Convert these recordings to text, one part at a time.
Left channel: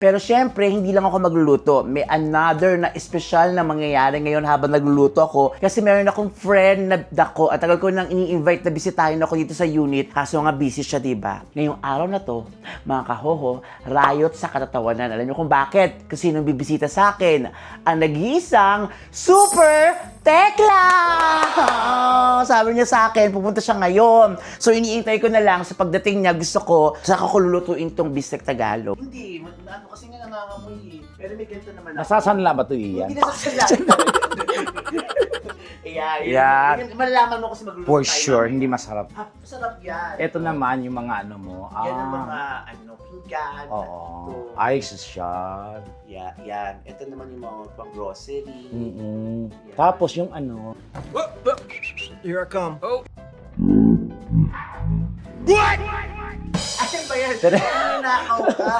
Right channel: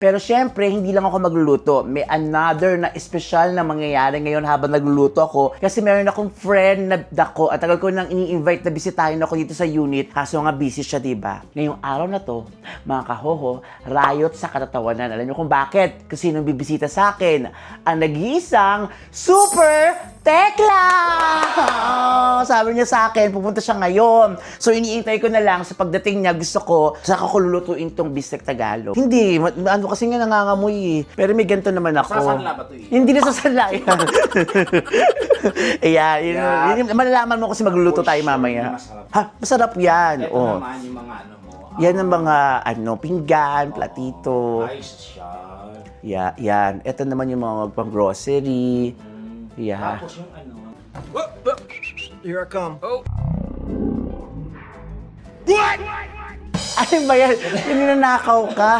Pero syempre, hindi lang ako magluluto. May another na espesyal na mangyayari ngayon habang nagluluto ako. Kasi meron akong friend na dako at tagal ko nang ini-invite na bisitahin ako dito sa unit. Kaso nga busy siya, diba? Ngayong araw na to, mga kahoho, riot sa katatawanan. Alam niyo kung bakit? Kasi nung bibisita sa akin, ang nag-iisang Super Tekla! Sabi niya sa akin, pupunta siya ngayon. So, iniintay ko na lang sa pagdating niya, gusto ko, saka ko lulutuin tong bistek Tagalog. Hindi, ano kasi nga nangangamoy eh. Pero may ganito naman ako. Sasanla ba ito eh? Hindi na sasanla. Ayan, yun, malalaman mo kasi magluluto For tayo sure, mamaya. hindi masarap. Ha? Masarap yan. Ito Oh. naman yung mga ano mo. Yan ang mga pinggan, platito. Ay, siya. Yan. Ito naman yung mga pang-grocery. Yan. Tapos yung ano. Here I come. Ano ba yan? Ninanakaw ka.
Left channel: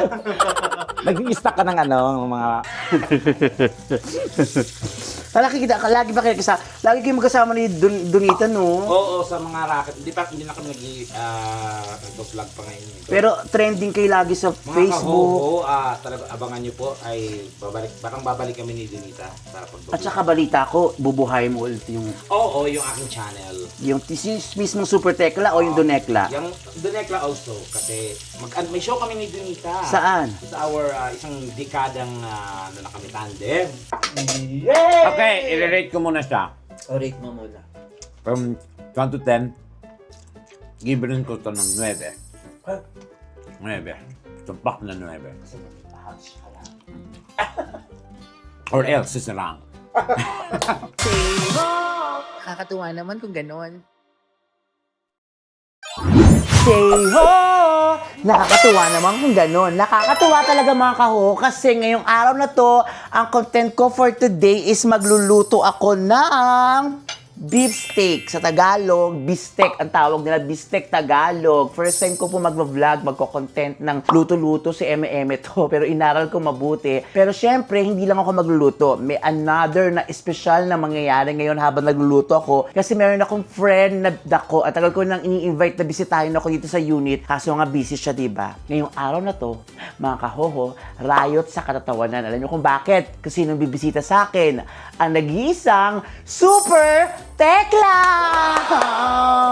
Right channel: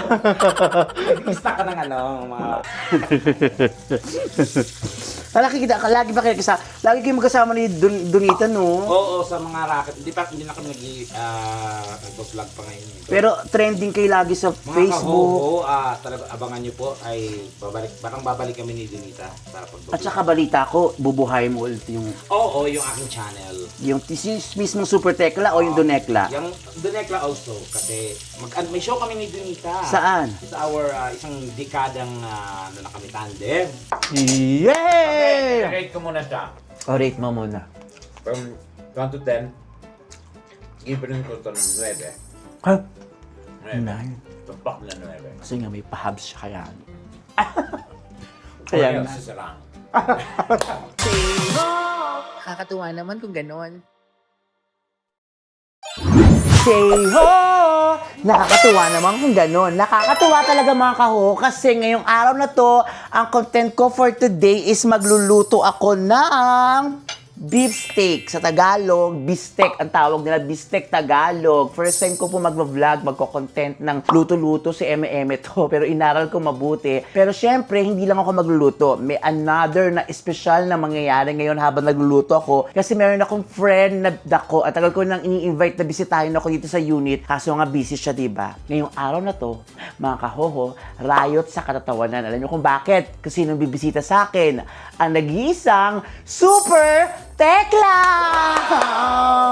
Nag-i-stack ka ng ano, mga... Lagi ba kayo kasama? Lagi kayo magkasama ni Donita, no? Oo, sa mga racket. Hindi na kami nag-vlog pa ngayon. Pero trending kayo lagi sa Mga Facebook. talaga abangan nyo po ay babalik kami ni Donita para pag-vlog. At saka balita ko, bubuhay mo ulit yung yung aking channel. yung mismong Super Tekla o yung Donekla? Yung Donekla also kasi may show kami ni Donita. Saan? Sa our isang dekadang ano na kami tandem. Yay! Okay, i-rate ko muna siya. Rate mo muna. From 1 to 10, give rin ko ito ng 9. Ha? 9. Tumpak na 9. Kasi nga may pahabs siya kaya. Or Ayan else, sisarang. Nakakatuwa naman kung ganon. Say ho! Nakakatuwa naman kung gano'n. Nakakatuwa talaga mga kaho kasi ngayong araw na to, ang content ko for today is magluluto ako ng beef steak. Sa Tagalog, bistek ang tawag nila, bistek Tagalog. First time ko po mag-vlog, magko-content ng luto-luto si Eme to, pero inaral ko mabuti. Pero syempre, hindi lang ako magluluto. May another na espesyal na mangyayari ngayon habang nagluluto ako kasi meron akong friend na dako at tagal ko nang ini-invite na bisitahin ako dito sa unit. Kaso nga busy siya, diba? Ngayong araw na to, mga kahoho, riot sa katatawanan. Alam niyo kung bakit? Kasi nung bibisita sa akin, ang nag-iisang Super Tekla!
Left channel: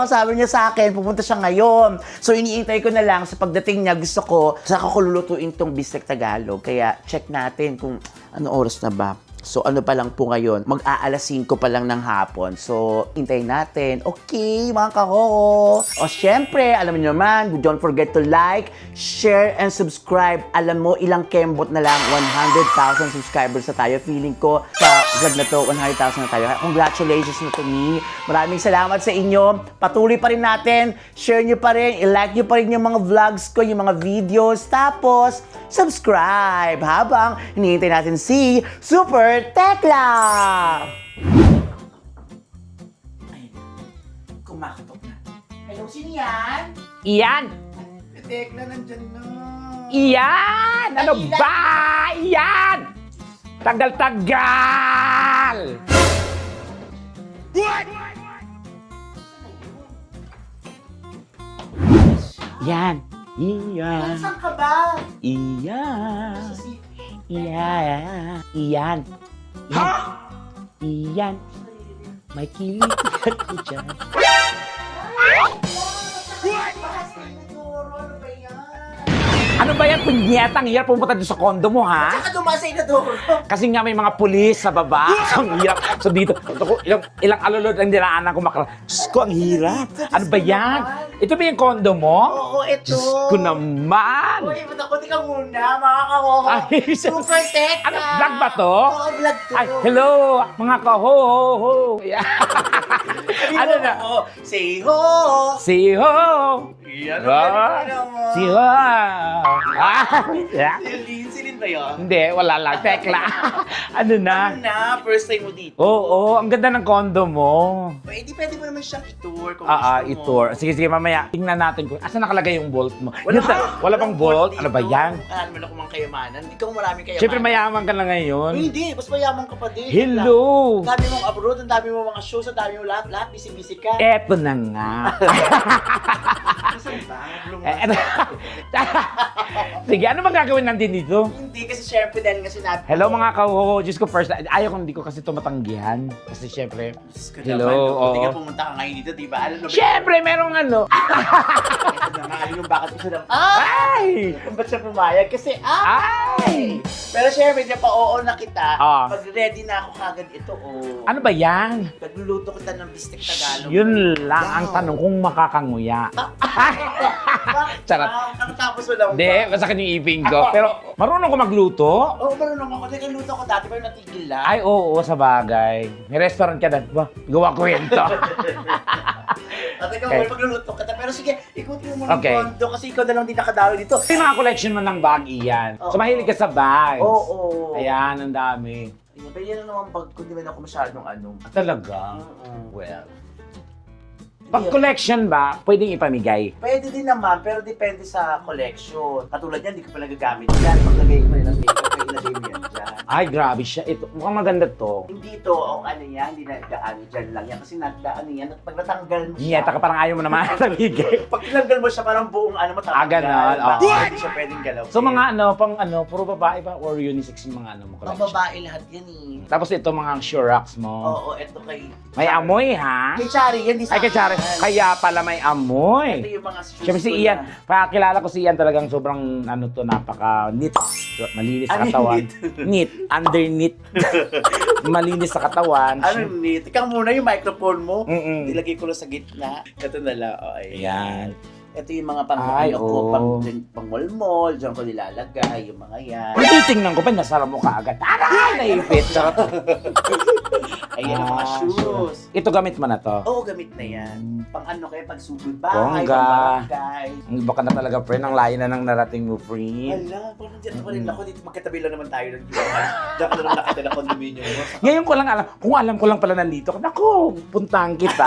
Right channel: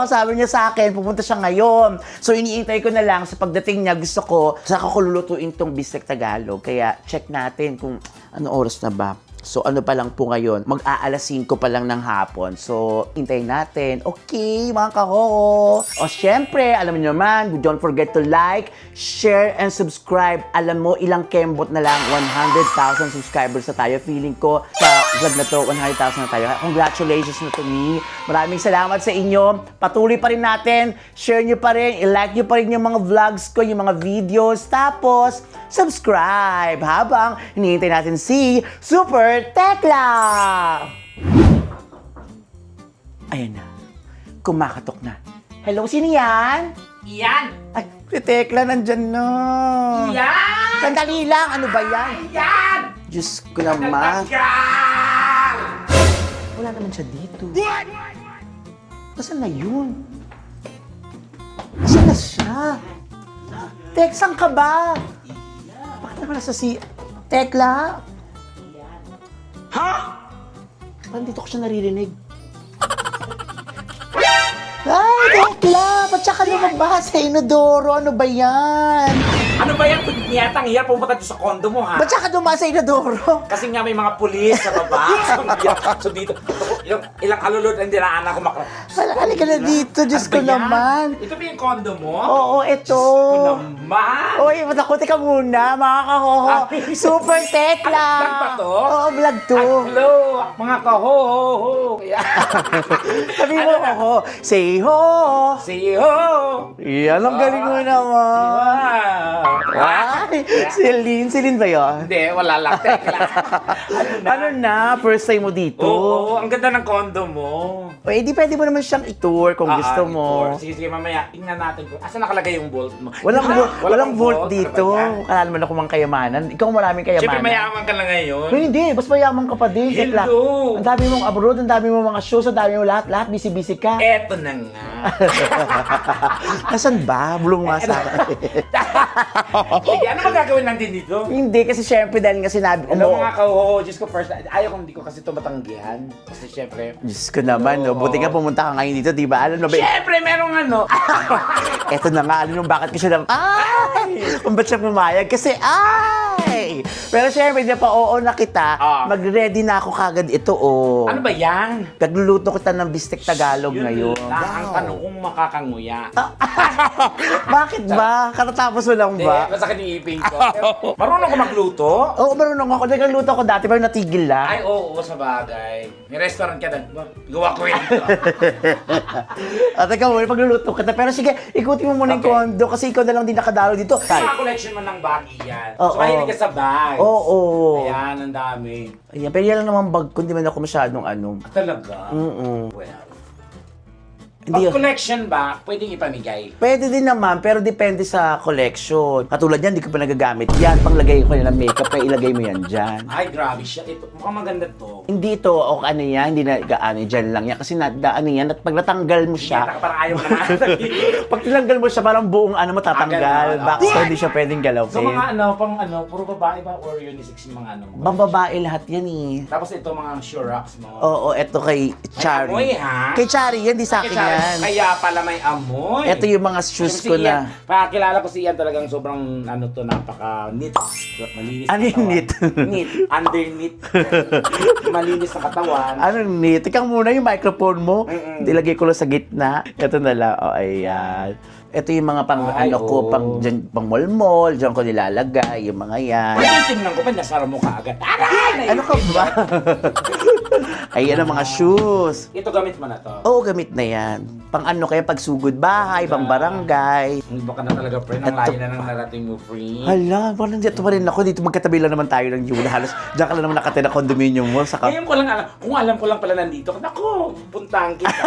Sabi niya sa akin, pupunta siya ngayon. So, iniintay ko na lang sa pagdating niya, gusto ko, saka ko lulutuin tong bistek Tagalog. Kaya, check natin kung ano oras na ba. So, ano pa lang po ngayon? Mag-aalas 5 pa lang ng hapon. So, hintayin natin. Okay, mga kaho. O, syempre, alam niyo naman, don't forget to like, share, and subscribe. Alam mo, ilang kembot na lang, 100,000 subscribers na tayo. Feeling ko, sa vlog na to, 100,000 na tayo. Congratulations na to me. Maraming salamat sa inyo. Patuloy pa rin natin. Share nyo pa rin. I-like nyo pa rin yung mga vlogs ko, yung mga videos. Tapos, subscribe habang hinihintay natin si Super Tekla! Ayan na. Kumakatok na. Hello, sino yan? Iyan! Ay, si Tekla nandyan na. Iyan! Sandali lang, ano ba yan? Iyan! Diyos ko naman. Tagal! Wala naman siya dito. What? Nasaan na yun? Nasaan na siya? Yan! Iyan! Tek, saan ka ba? Iyan! Ano sa si Tekla? Iyan! Iyan. Ano ko siya naririnig? May kilit ka dyan. Ay, Tekla! Ba't siya ka ba sa inodoro? Ano ba yan? Ano ba yan? Punyetang hirap pumunta doon sa kondo mo, ha? Ba't siya ka dumaan sa inodoro? Kasi nga may mga pulis sa baba. Ang hirap. So dito, ako, ilang alulod ang dinaanan ko makro. Halika na dito, Diyos ko naman. Ito ba yung kondo mo? Oo, ito. Diyos ko naman. Oy, matakot ka muna, mga kahoho. Ay. Super Tekla! Vlog ba to? Oo, vlog to. Ay, hello, mga kaho-ho. Sabihin Ano mo na? ako, say ho! See ho! Yan, ang galing mo naman. See ho! Ay, Celine ba yun? Hindi, wala lang. Tekla. Ano na? Ano na? First time mo dito? Oo, ang ganda ng kondo mo. Pwede mo naman siyang i-tour kung gusto mo. i-tour. Sige, mamaya. Tingnan natin kung asan nakalagay yung vault mo. Walang vault Ano dito. ba yan? Kaya naman ako mang kayamanan. Ikaw maraming kayamanan. Siyempre mayaman ka na ngayon. Uy, hindi. Mas mayaman ka pa din. Tekla. Hello! Ang dami mong abroad, ang dami mong mga shows, ang dami mong lahat. Lahat busy-busy ka. Eto na nga. Nasaan ba? Bulong nga sa Sige, ano magagawin natin dito? Hindi, kasi syempre dahil nga sinabi ko. Hello mga kauho, Diyos ko first, hindi ko kasi ito matanggihan. Kasi syempre, Diyos ko naman, Hello. no? Buti nga pumunta ka ngayon dito, di ba? Alam mo ba? syempre merong ano. Eto na nga, alam mo bakit ko siya kung ba't siya pumayag? Kasi, Pero syempre, di pa oo na kita, mag-ready na ako kagad ito, Ano ba yan? Nagluluto kita ng bistek Tagalog Yun ngayon. lang ang tanong kung makakanguya. Bakit ba? Katatapos mo lang Hindi, ba? masakit yung ipin ko. Pero marunong ko magluto? Oo, marunong ako. Nagluto ako dati, pero natigil lang. Ay, oo, sa bagay. May restaurant ka na. Ba, gawa ko ito. At ikaw, pagluluto kita. Pero sige, ikutin mo muna yung Okay. kondo kasi ikaw na lang din nakadalo dito. Yung mga collection mo ng bag, iyan. Oo. So, mahilig ka sa bags. Oo. Ayan, ang dami. Ayan, pero yan lang naman bag ko. Hindi man ako masyadong ano. Talaga? Well, Pag hindi, collection ba, pwedeng ipamigay? pwede din naman, pero depende sa collection. Katulad yan, hindi ko pa nagagamit. Yan, paglagay ko ng makeup, kaya ilagay mo yan dyan. Ay, grabe siya. Ito, mukhang maganda to. Hindi ito, o ano yan, hindi na gaano, dyan lang yan. Kasi nadaan yan, at pag natanggal mo siya, Nyeta ka parang ayaw mo naman. pag tinanggal mo siya, parang buong ano mo tatanggal. ganun. Bakit hindi siya pwedeng galawin? So mga puro babae ba or unisex yung mga ano mo? Bababae lahat yan eh. Tapos ito mga sure rocks mo. Oo, eto kay May Chari. amoy ha? Kay Chari, yan, di sa Ay, akin kaya, yan. kaya pala may amoy. Ito yung mga shoes Siyempre ko si Ian, na. pakakilala ko si Ian talagang sobrang napaka-neat. Malinis sa Ano yung katawan. neat? Neat. Underneath. Malinis sa katawan. Ano ni? Tika muna yung microphone mo. Mm-mm. Ilagay ko lang sa gitna. Ito na lang. O, ayan. Ito yung mga pang Ay, ano ko, oo. pang mall-mall, diyan ko nilalagay, yung mga yan. Titingnan ko pa, nasara mo ka agad. Aray! Ano ka ba? Ayan ang mga shoes. Ito gamit mo na to. Oo, gamit na yan. Pang ano kaya, pag sugod bahay, Bongga. pang barangay. Baka na talaga, friend. Ang layo na nang narating mo, friend. Hala, parang nandito pa rin ako. Dito magkatabi lang naman tayo ng Yula. Halos diyan ka lang naman nakatira condominium mall. Saka, Ngayon ko lang alam, kung alam ko lang pala nandito, naku, puntahan kita.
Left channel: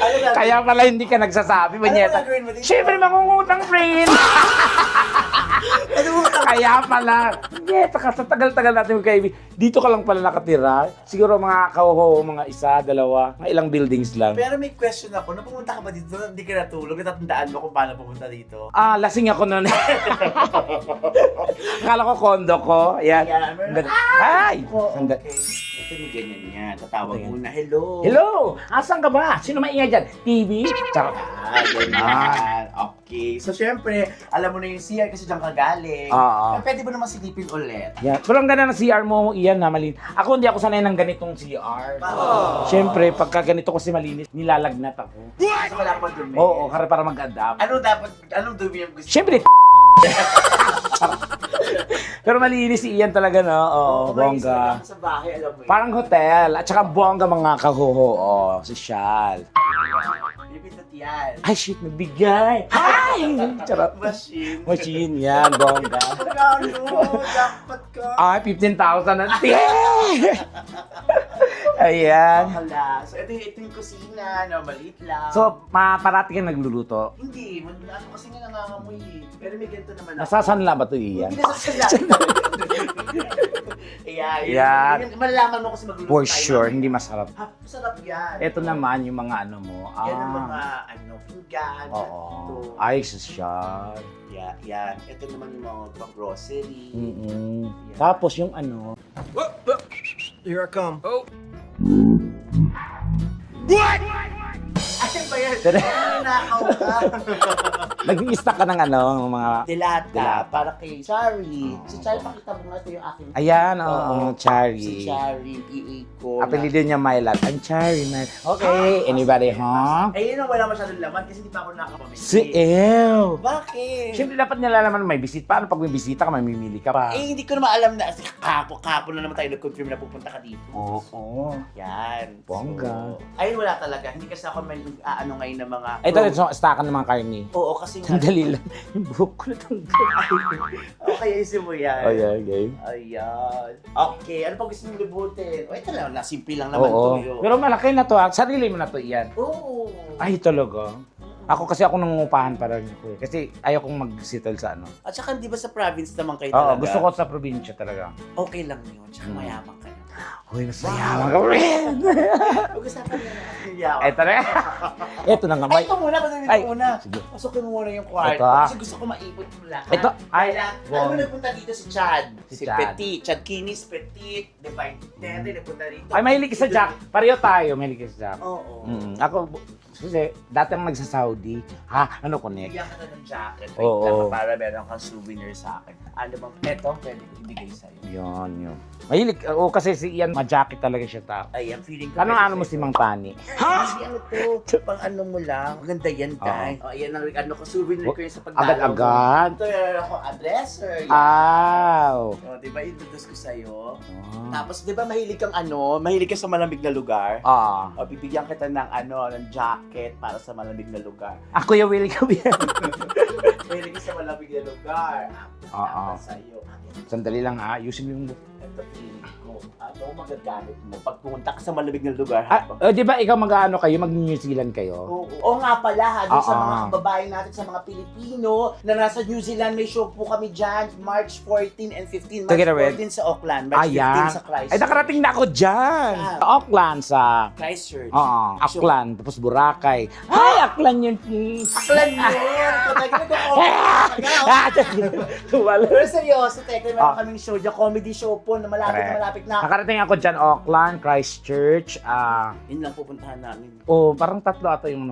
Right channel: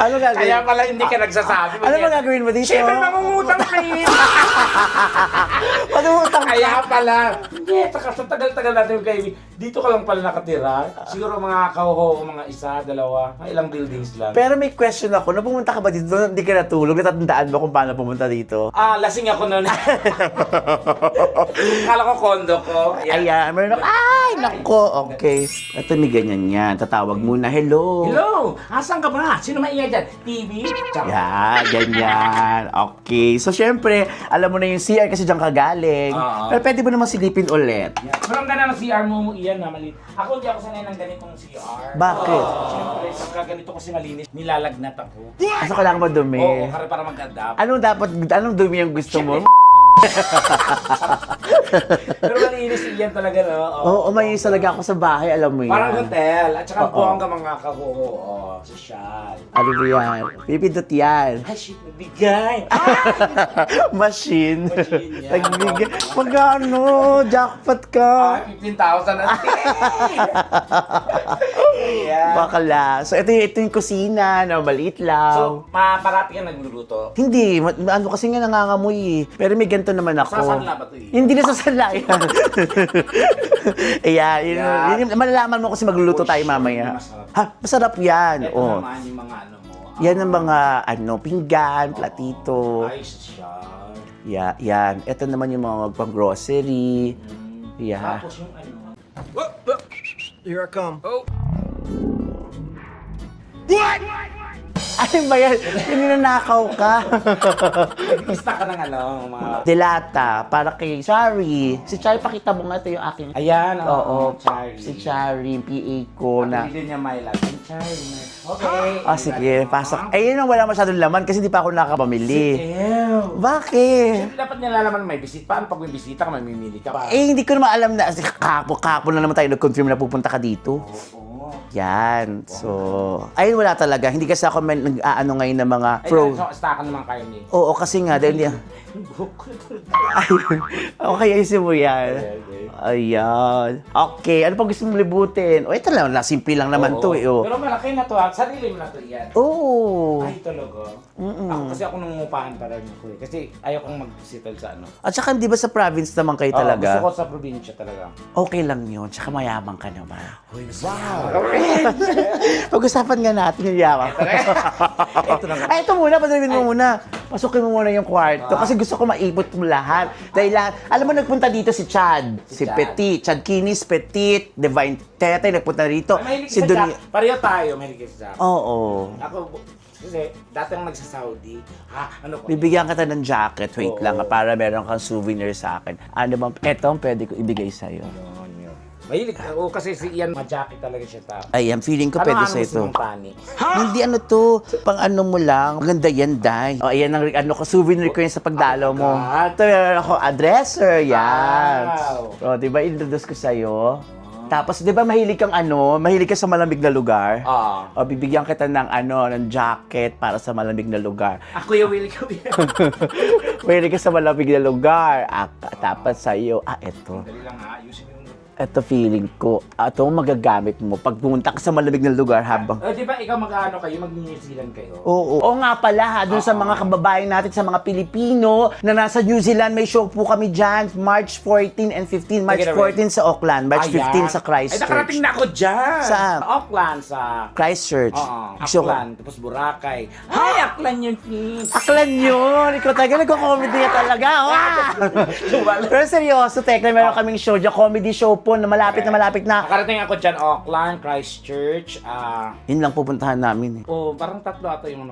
ano gagawin? Kaya pala hindi ka nagsasabi. Ano ba gagawin mo dito? Siyempre, mangungutang, friend. Ano mo Kaya pala. Hindi, sa tagal-tagal natin magkaibigan. Dito ka lang pala nakatira. Siguro mga kauho, mga isa, dalawa, mga ilang buildings lang. Pero may question ako, nung pumunta ka ba dito, hindi ka natulog, natatandaan mo kung paano pumunta dito? Lasing ako nun. Kala ko kondo ko. Ayan, meron ako. Ay! Nako, okay. Ito may ganyan yan. Tatawag muna, hello. Hello! Asan ka ba? Sino maingay dyan? TV? Yan, ganyan. Okay. So, syempre, alam mo na yung CR kasi diyan ka galing. Oo. Pero pwede mo naman silipin ulit. Yeah. Pero ang ganda ng CR mo, Ian, na malinis. Ako hindi ako sanay ng ganitong CR. Bakit? Siyempre, pagka ganito kasi malinis, nilalagnat ako. Kaso kailangan mo dumi. Oo, para mag-adapt. Anong dumi yung gusto Siyempre, mo? pero malinis si Ian talaga, no? Oo, umayos bongga. talaga ako sa bahay, alam mo yan. Parang hotel. At saka bongga mga kahuho. Oh, sosyal. Ano ba yan? Pipindot yan. Ay, shit, nagbigay. Ay! Machine. Machine yan, Nagbigay. bongga. Magkano? Jackpot ka. Ay, 15,000 na. Ayan. Bakala. So, ito yung kusina na maliit lang. So, parati ka nagluluto. Hindi. Ano kasi nga nangangamoy eh. Pero may ganito naman ako. Sasanla ba ito, Ian? Hindi na sasanla. Ayan. Yan. Malalaman mo kasi magluluto For tayo sure, mamaya. hindi masarap. Ha? Masarap yan. Ito Oo. naman yung mga ano mo. Yan ang mga pinggan, Oo. platito. Ay, sosyal. Yan. Ito naman yung mga pang-grocery. Yeah. Tapos yung ano. Here I come. Ano ba yan? Ninanakaw ka. Nag-i-stock ka ng ano, mga... Delata, para kay Chari. Si Chari, pakita mo nga ito yung aking... Ayan, oo, Charlie. Si Chari, yung PA ko. Apelido niya Mylan. I'm Charlie, man. Okay, Sige, pasok. Ayun ang wala masyadong laman kasi hindi pa ako nakapamili. Si Ew. Bakit? Siyempre dapat nilalaman may bisita. Paano pag may bisita ka, mamimili ka pa? Hindi ko naman alam na. Kapo na naman tayo nag-confirm na pupunta ka dito. Oo. Yan. So, ayun wala talaga. Hindi kasi ako nag-aano ngayon ng mga Ito rin, so, stackan ng mga karne. Oo, kasi nga, dahil yan. Okay, ayusin mo yan. Okay. Ayan. Okay, ano pa gusto mo libutin? O, ito lang, simple lang naman to eh. Oh. Pero malaki na to, ha? Sarili mo na to, Ian. Oo. Ay, talaga. Ako kasi ako nangungupahan para niya ko eh. Kasi ayaw kong mag-settle sa ano. At saka, di ba sa province naman kayo Oo, talaga? gusto ko sa probinsya talaga. Okay lang yun. Tsaka mayaman ka naman. Uy, gusto niya. Pag-usapan nga natin yung yawa. Ito rin. Ito na nga. Ay, ito muna, pasukin mo Ay. muna. Pasukin mo muna yung kwarto. Ito, Kasi gusto ko maibot mo lahat. Ito, Dahil ay, lang, alam mo, nagpunta dito si Chad. Si Chad. Petit. Chad Kinis, Petit, Divine Tete, nagpunta rito. Ay, mahilig Si ka sa Doni- Jack. Pareho tayo, mahilig ka sa Jack. Oo. Ako, kasi dati ang nagsa-Saudi. Ano ko Bibigyan kita ng jacket. Wait Oo. lang, para meron kang souvenir sa akin. Ano bang, eto ang pwede ko ibigay sa'yo. Yun. Mahilig ako kasi si Ian, ma-jacket talaga siya tao. Ayan, feeling ko Ano pwede ano sa'yo mo si ito. Mang Pani? Hindi ano to, pang ano mo lang. Maganda yan, Day. O, ayan ang ano ko, souvenir ko yan sa pagdalaw mo. Agad-agad. Ito meron ako, dresser, yan. Wow. O, di ba, introduce ko sa'yo. Tapos, di ba, mahilig kang mahilig ka sa malamig na lugar? O, bibigyan kita ng ng jacket para sa malamig na lugar. Ako yung willing kami. Mahilig ka sa malamig na lugar. Tapos sa'yo, eto. Sandali lang ayusin mo yung... Ito feeling ko, ito ang magagamit mo pag pumunta ka sa malamig na lugar habang... Di ba ikaw mag-ano kayo, mag-New Zealand kayo? Oo nga pala doon sa mga kababayan natin, sa mga Pilipino na nasa New Zealand, may show po kami dyan, March 14 and 15. March Take it away. 14 sa Auckland, March 15 sa Christchurch. Ay, nakarating na ako dyan. Saan? Sa Auckland, sa... Christchurch. Oo, Auckland, tapos Boracay. Ay, Auckland yan, please. Auckland yun! Ikaw talaga, nagko-comedy ka talaga. Pero seryoso, Tekla, meron kaming show dyan, comedy show po na malapit na. Nakarating ako dyan, Auckland, Christchurch. Yun lang pupuntahan namin eh. Parang tatlo ata yung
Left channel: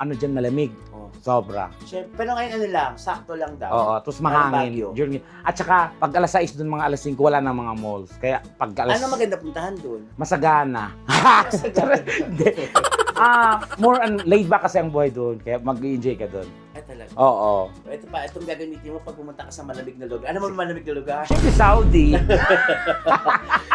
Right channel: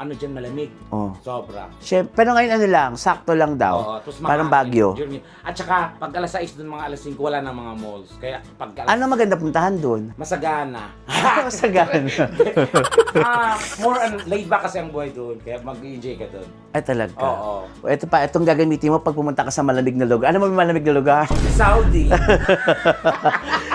ano dyan, malamig. Oh. Sobra. Siyempre, pero ngayon ano lang, sakto lang daw. Oo, tapos Parang mahangin. Bagyo. At saka, pag alas 6 doon, mga alas 5, wala na mga malls. Kaya pag alas... Ano maganda puntahan doon? Masagana. Masagan. More laid back kasi ang buhay doon. Kaya mag-enjoy ka doon. Ay talaga? Oo. Ito pa, itong gagamitin mo pag pumunta ka sa malamig na lugar. Ano mo malamig na lugar? Saudi.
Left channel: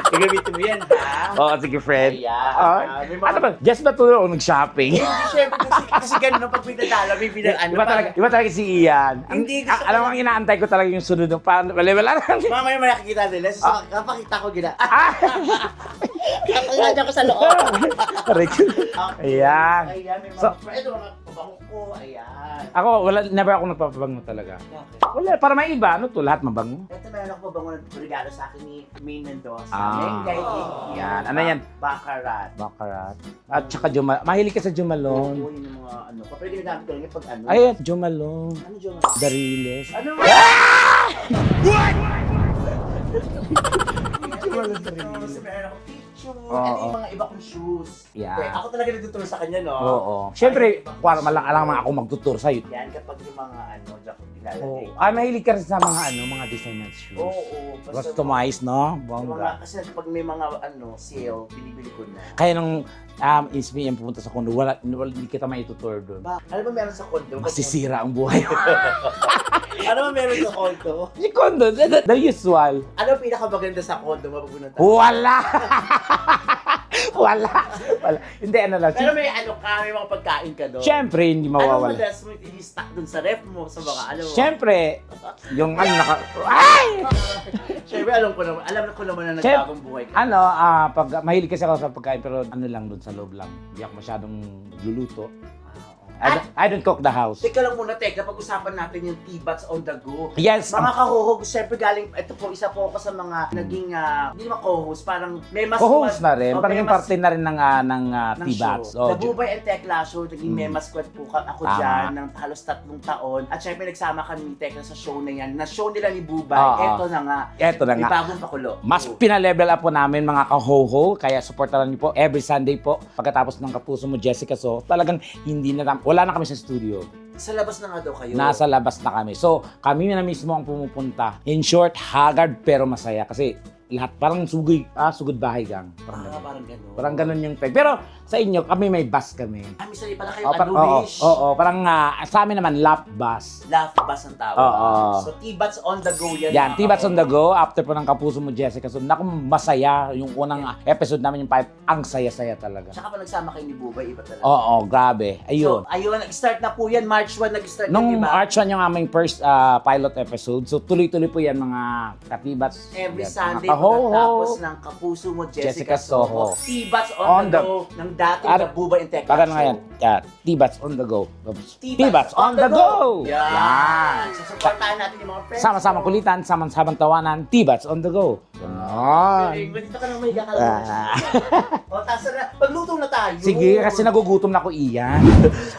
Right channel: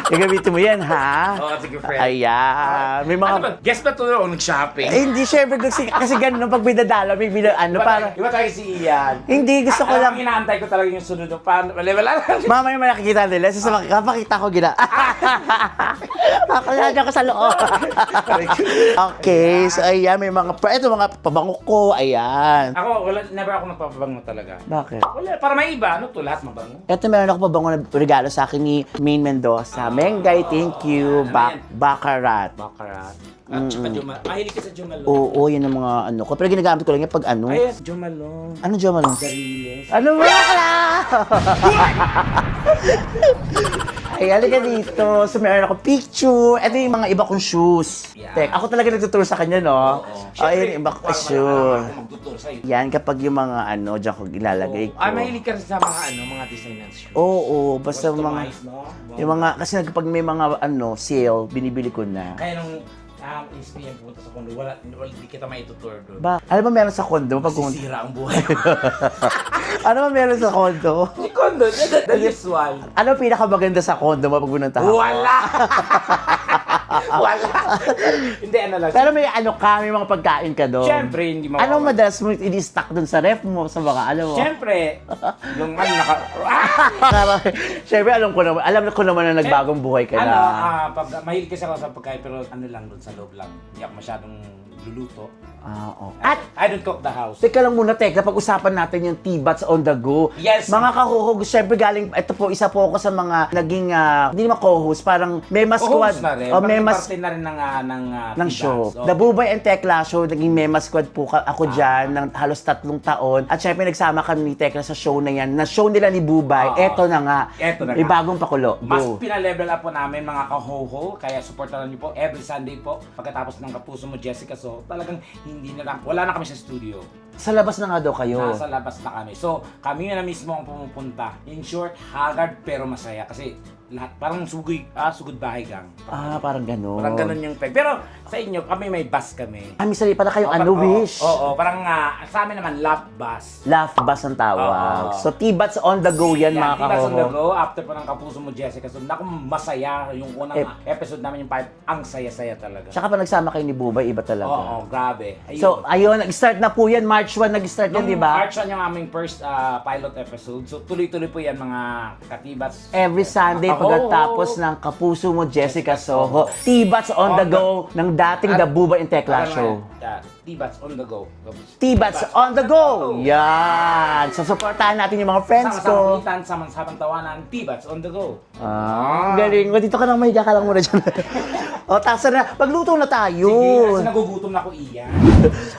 Gagamitin mo yan, ha? Oo, sige, friend. Ayan. May mga... Ano ba? Guess ba ito o nag-shopping? Eh, hindi, syempre, kasi ganun, pag binadala, may parang... Di ba talaga si Ian? Hindi, gusto ko Alam lang... mo, inaantay ko talaga yung sunod ng paano. Wala lang. Mamaya may nakikita nila. Kapakita ko gina. Kakayaan ako sa loob. Okay, Ayan. so ayan, may mga... Ito mga pabango ko, ayan. Ako, never ako nagpapabango talaga. Bakit? Wala, para may iba, ano to, lahat mabango. Ito meron ako pabango na regalo sa akin ni Maine Mendoza. Mengay, thank you. Ano yan? Baccarat. Baccarat. At saka mahilig ka sa Jumalong. Oo, yun ang mga ano ko. Pero ginagamit ko lang yan pag ano. Ay, Jumalong. Ano dyan man? Dariles. Ano ba? Ay, halika dito. So, meron ako picture. Ito yung mga iba kong shoes. Yeah. Tek, ako talaga nagtuturo sa kanya, no? Oo. Siyempre, Ay, iba kong para alam shoes. ako magtutur sa'yo. Yan, kapag yung mga dyan ko ilalagay ko. Ay, mahilig ka rin sa mga mga designer shoes. Oo, basta mga... Customized, no? Yung mga, kasi kapag may mga sale, binibili ko na. Kaya nung Ismi yung pumunta sa kondo, hindi kita maitutur doon. Ba, ano ba meron sa condo? Pag Masisira ang buhay. ano ba meron sa condo? Si kondo, the usual. Ano pinakamaganda sa condo mo pag punta? Wala! Wala! Hindi, ano lang. Pero may may mga pagkain ka doon. Siyempre, hindi mawawala. Anong madalas mo i-stock doon sa ref mo, sa mga ano mo? Siyempre, yung Siyempre, alam ko naman na nagbagong buhay ka na. pag mahilig kasi ako sa pagkain, pero ano lang doon sa loob lang. Hindi ako masyadong luluto. Okay. I don't cook the house. Teka lang muna, Teka, pag-usapan natin yung T-Bats on the go. Yes. Mga ka-host, syempre galing, ito po, isa po ako sa mga naging, hindi naman co-host, parang Mema Squad. Co-host na rin. O, Maging Mema parte na rin ng show. T-Bats. The Bubay and Tekla Show, naging Mema Squad po ako dyan ng halos 3 taon. At syempre nagsama kami ni Tekla sa show na yan, na show nila ni Bubay. Eto na nga. Eto na May nga. bagong pakulo. Mas Go. pinalevel up po namin mga ka-ho-ho, kaya supportaran niyo po every Sunday po. Pagkatapos ng Kapuso Mo, Jessica, so talagang wala na kami sa studio. Sa labas na nga daw kayo. Nasa labas na kami. So, kami na mismo ang pumupunta. In short, haggard pero masaya kasi lahat parang sugod bahay gang. Parang gano'n. Parang ganun yung peg. Pero sa inyo, kami may bus kami. Misali pala kayo, Wish? Oo, parang sa amin naman, lap bus. Laugh Bus ang tawag. Oo. So, T-Bats on the go yan, Yan, mga T-Bats on the ka-hoho. go. After po ng Kapuso Mo, Jessica. So, naku, masaya. Yung unang episode namin, yung 5, ang saya-saya talaga. Tsaka pa nagsama kayo ni Bubay, iba talaga. Oo, grabe. So, Ayun. nag-start na po yan. March 1 nag-start yan, Nung di ba? March 1 yung aming first pilot episode. So, tuloy-tuloy po yan, mga katibats. Every Sunday, Ako. pagkatapos ng Kapuso Mo, Jessica Soho. T-Bats on the go ng dating The Bubay and Tekla Show. T-Bats on the go. T-Bats on the go! Yan! So, supportahan natin yung mga friends Sama-sama ko. kulitan, sama-samang tawanan. T-Bats on the go. Galing. Dito ka nang mahiga ka lang muna dyan. O, tasa na. Magluto na tayo. Sige, kasi nagugutom na ako iyan.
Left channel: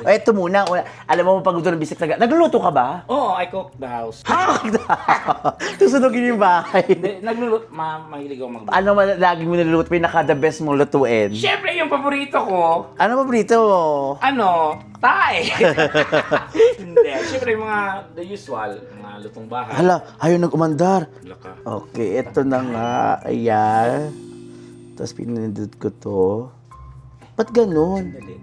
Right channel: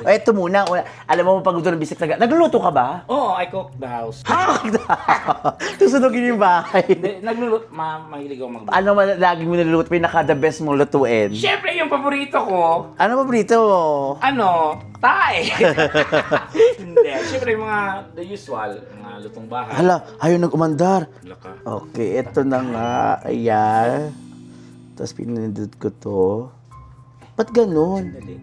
O, eto muna. Alam mo, pagluto ng bisik na nagluluto ka ba? Oo, I cook the house. Susunogin yung bahay. Hindi, nagluluto. Mahilig ako magluto. Ano lagi mo niluluto? Pinaka-the best mong lutuin? Siyempre, yung paborito ko, Ano paborito mo? Thai. Hindi, siyempre yung mga the usual, mga lutong bahay. Hala, ayaw nag-umandar. Laka. Okay, eto na nga. Ayan. Tapos pinindot ko to. Ba't ganun? Dali.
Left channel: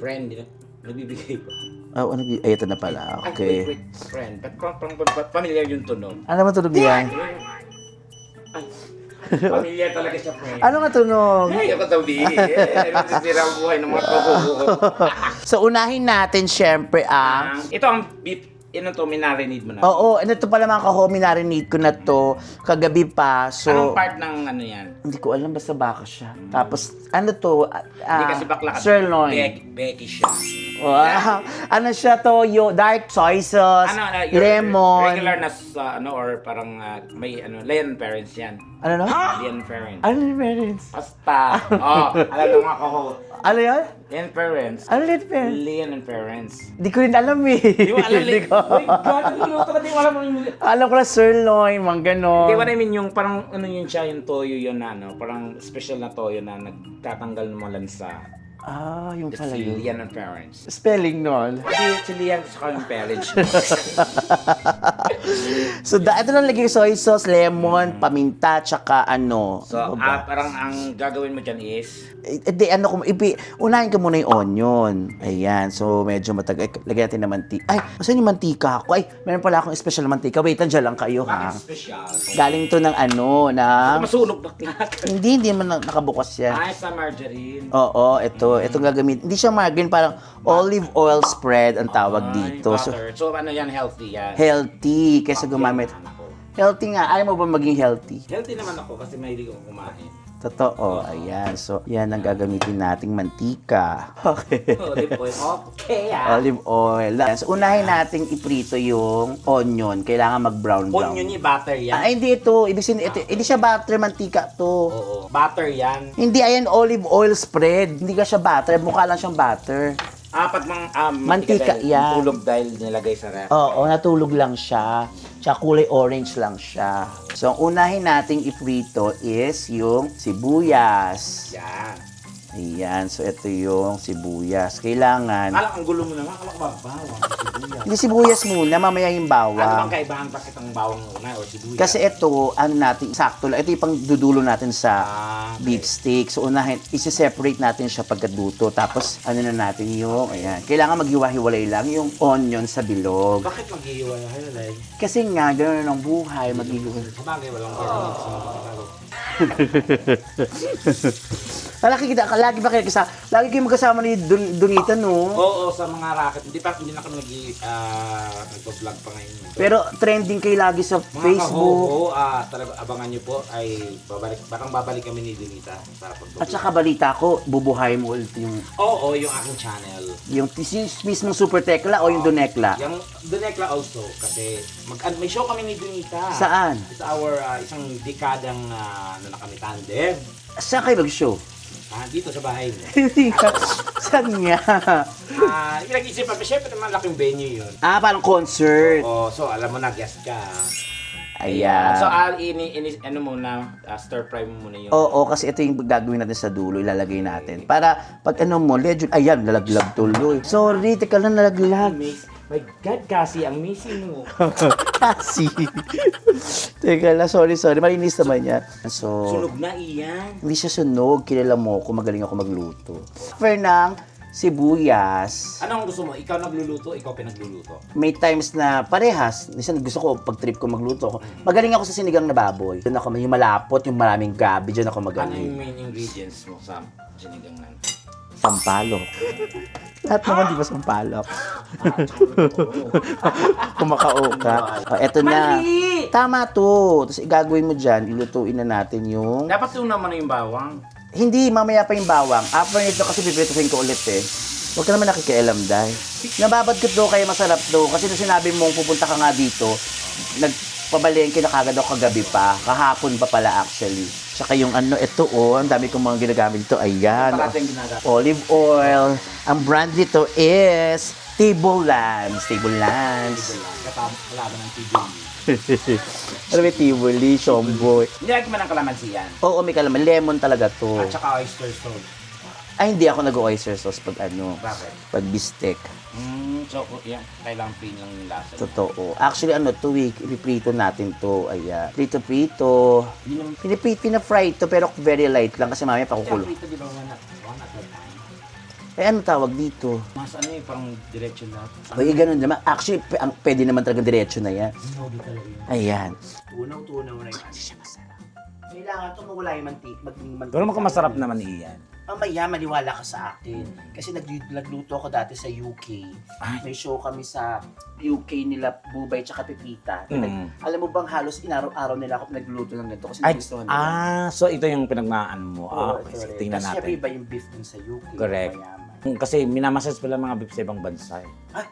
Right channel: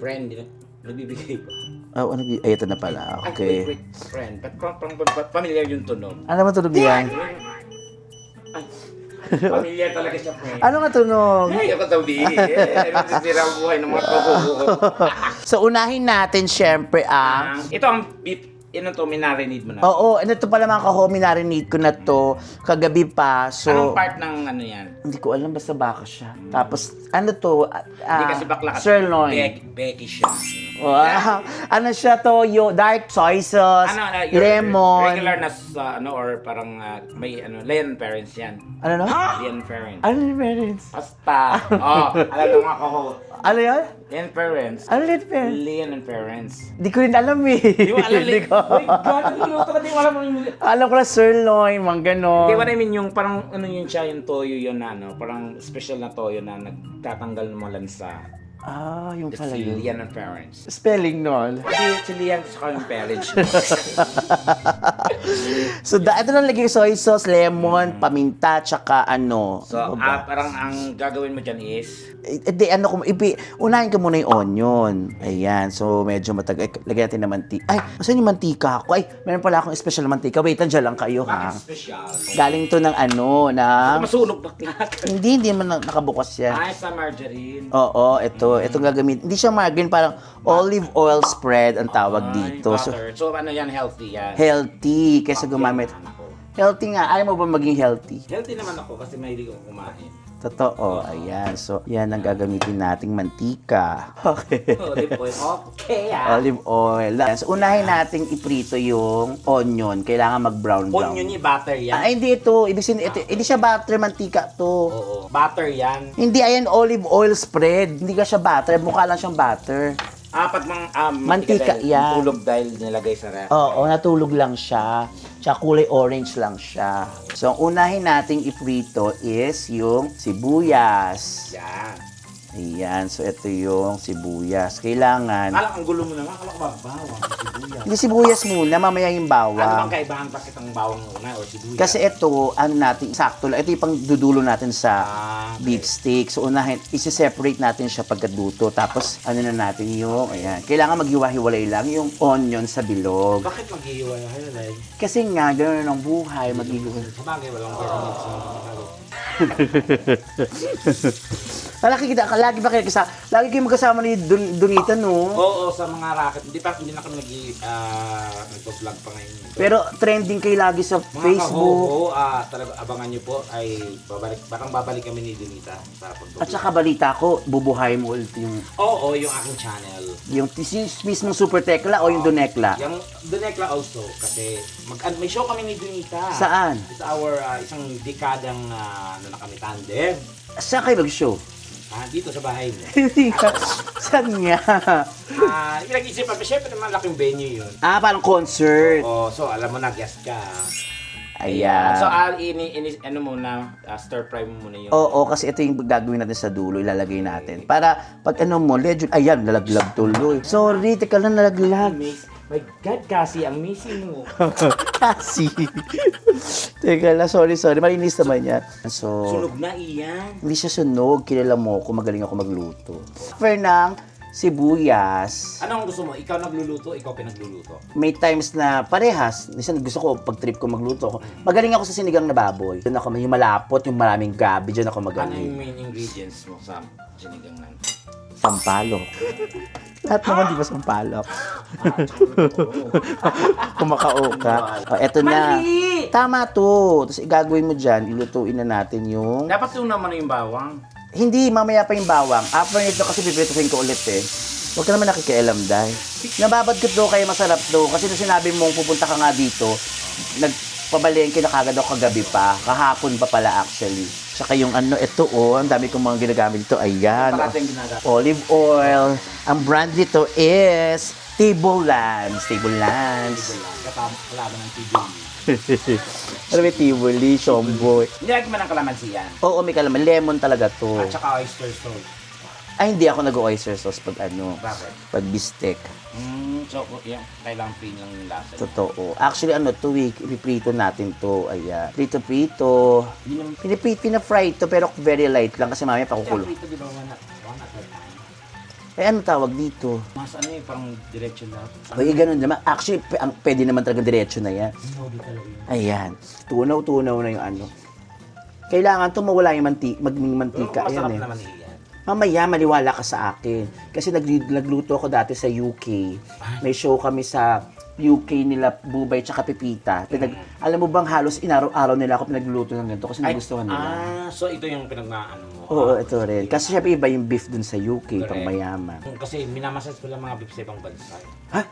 Friend, nagbibigay pa. Oh, ano, ay, ito na pala. Okay. Wait. Friend, parang familiar yung tunog. Ano ba tunog yan? Ay, familiar talaga siya, friend. Ano nga tunog? Ay, ako sabihin. Nasisira ang buhay ng mga kukuko. So, unahin natin syempre ang... Ito ang beef. Ito to, minarinade mo na. Oo, and ito pala mga ka-homie, narinig ko na to kagabi pa. So, Anong part ng ano yan? hindi ko alam, basta baka siya. Tapos, ano to? Hindi kasi bakla ka. Sirloin. Becky siya. Wow. Ano siya to? Dark soy sauce, Your lemon. regular na or parang may Leon parents yan. Ano no? Leon parents. Ano yung parents? Basta. Alam mo nga ako. Ano yun? Leon parents. Ano yung parents? Leon and parents. Di ko rin alam eh. Di mo alam, Hindi ko. Uy, God, nagluluto ka, di mo alam mo yung... Alam ko na sirloin, mga ganon. Di what I mean, yung parang ano yun siya, yung toyo yun na parang special na toyo na nagtatanggal ng mga lansa. Ah, yung It's pala yun. Leon and parents. Spelling nun. Hindi, si Leon saka yung parents. So, ito lang lagay soy sauce, lemon, paminta, tsaka ano. So, ano ba? parang ang gagawin mo dyan is... Hindi, unahin ko muna yung onion. Ayan, so medyo matagal. Lagyan natin ng mantika. Ay, saan yung mantika ako? Ay, meron pala akong special na mantika. Wait, nandiyan lang kayo, ha? Bakit special? Galing to ng Masunog bakla. hindi man nakabukas yan. Ay, sa margarine. Oo, ito gagamit. Hindi siya margarine, parang olive oil spread ang tawag dito. So, Butter. So, ano yan, healthy yan. healthy kaysa gumamit. Yan, ako. Healthy nga. Ayaw mo ba maging healthy? Healthy naman ako kasi mahilig ako kumain. Totoo. Ayan. So, yan ang gagamitin nating mantika. Okay. Olive oil. Okay, Olive oil. So, unahin nating iprito yung onion. Kailangan mag-brown. Onion yung butter yan. Ay, hindi ito. Hindi siya butter, mantika to. Oo. Butter yan. Hindi, ayan, olive oil spread. Hindi ka siya butter. Mukha lang siyang butter. Pag Mantika dahil, yan. Tulog dahil nilagay sa ref. Oo, natulog lang siya. Tsaka kulay orange lang siya. So, ang unahin nating iprito is yung sibuyas. Yan. Ayan, so ito yung sibuyas. Kailangan... Ang gulo mo naman. Akala ko ba bawang, sibuyas. Hindi sibuyas muna, mamaya yung Ano bawang. bang kaibahan bakit ang bawang una o sibuyas? Kasi ito, ano natin, sakto lang. Ito yung pang dudulo natin sa Okay. beef steak. So, unahin, isi-separate natin siya pagkaduto. Tapos, ano na natin yung, ayan. Kailangan maghiwa-hiwalay lang yung onion sa bilog. Bakit maghihiwa-hiwalay? Kasi nga, gano'n ang buhay, maghihiwalay. Sabagay, walang ganyan sa mga Chicago. Lagi ba kayo kasama? Lagi kayo magkasama ni Donita, no? Oo, sa mga racket. Hindi na kami nag-vlog pa ngayon. Pero trending kayo lagi sa Mga Facebook. talaga abangan nyo po ay babalik kami ni Donita sa pagbablog. At saka balita ko, bubuhay mo ulit yung yung aking channel. mismong Super Tekla o yung Donekla? Yung Donekla also kasi may show kami ni Donita. Saan? It's our isang dekadang ano na kami tandem. Saan kayo mag-show? Dito sa bahay mo. Hindi ka. Saan nga? Pinag-isip pa, syempre naman laking venue yun. Parang concert. So alam mo na, guest ka. Ayan. So, ano muna, stir fry mo muna yun. Oo, kasi ito yung gagawin natin sa dulo, ilalagay natin. Para pag ano mo, legend, ayan, nalaglag tuloy. Sorry, teka lang, nalaglag. My God, Cassie, ang missing mo. Kasi. Teka lang, sorry. Malinis naman yan. So, Sunog na iyan. hindi siya sunog. Kilala mo ko, magaling ako magluto. For ng sibuyas, Anong gusto mo? Ikaw nagluluto, ikaw pinagluluto. may times na parehas. Minsan gusto ko, pag trip ko magluto ako. Magaling ako sa sinigang na baboy. Doon ako, yung malapot, yung maraming gabi, doon ako Ano yung magaling. main ingredients mo sa sinigang nan? Sampalok. Lahat naman di ba sampalok? Kumakao ka. Eto na. Mali! Tama to. Tapos igagawin mo dyan, ilutuin na natin yung... Dapat tunan mo na yung bawang. Hindi, mamaya pa yung bawang. After nito kasi pipirituhin ko ulit eh. Huwag ka naman nakikialam, Day. Nababad ko to, kaya masarap to. Kasi nung sinabi mong pupunta ka nga dito, nagpabalengke na kagad ako kagabi pa. Kahapon pa pala actually. Tsaka yung ano, ito ang dami kong mga ginagamit dito. Ayan. Parati yung ginagamit. Olive oil. Ang brand dito is Table Lands. Table Lands. Kalaban ng TV. Ano ba Tivoli, Shomboy? Nilagyan mo ng kalamansi yan. Oo, may kalaman. Lemon talaga to. At saka oyster sauce. Ay, hindi ako nag-oyster sauce pag ano. Bakit? Pag bistek. So, yan. Kailangan plain lang yung lasa. Totoo. Actually, ano to, ipiprito natin to. Ayan. Prito-prito. Pina-fry to, pero very light lang kasi mamaya pakukulo. Ito, di ba, one at a time? Eh, ano tawag dito? Mas ano eh, parang diretso lahat. Ay, ganun naman. Actually, pwede naman talaga diretso na yan. Hindi talaga yun. Ayan. Tunaw-tunaw na yung ano. Kailangan to mawala yung maging mantika. Pero masarap yan, eh. naman iyan. Mamaya, maniwala ka sa akin. Kasi nagluto ako dati sa UK. May show kami sa UK nila, Bubay tsaka Pipita. Alam mo bang halos inaraw-araw nila ako pinagluluto ng ganito kasi nagustuhan nila. So ito yung pinagmaan mo. Oo, ito rin. tingnan Kasi natin. syempre iba yung beef dun sa UK, pang Correct. mayaman. Kasi minamasas pala mga beef sa ibang bansa. Ha?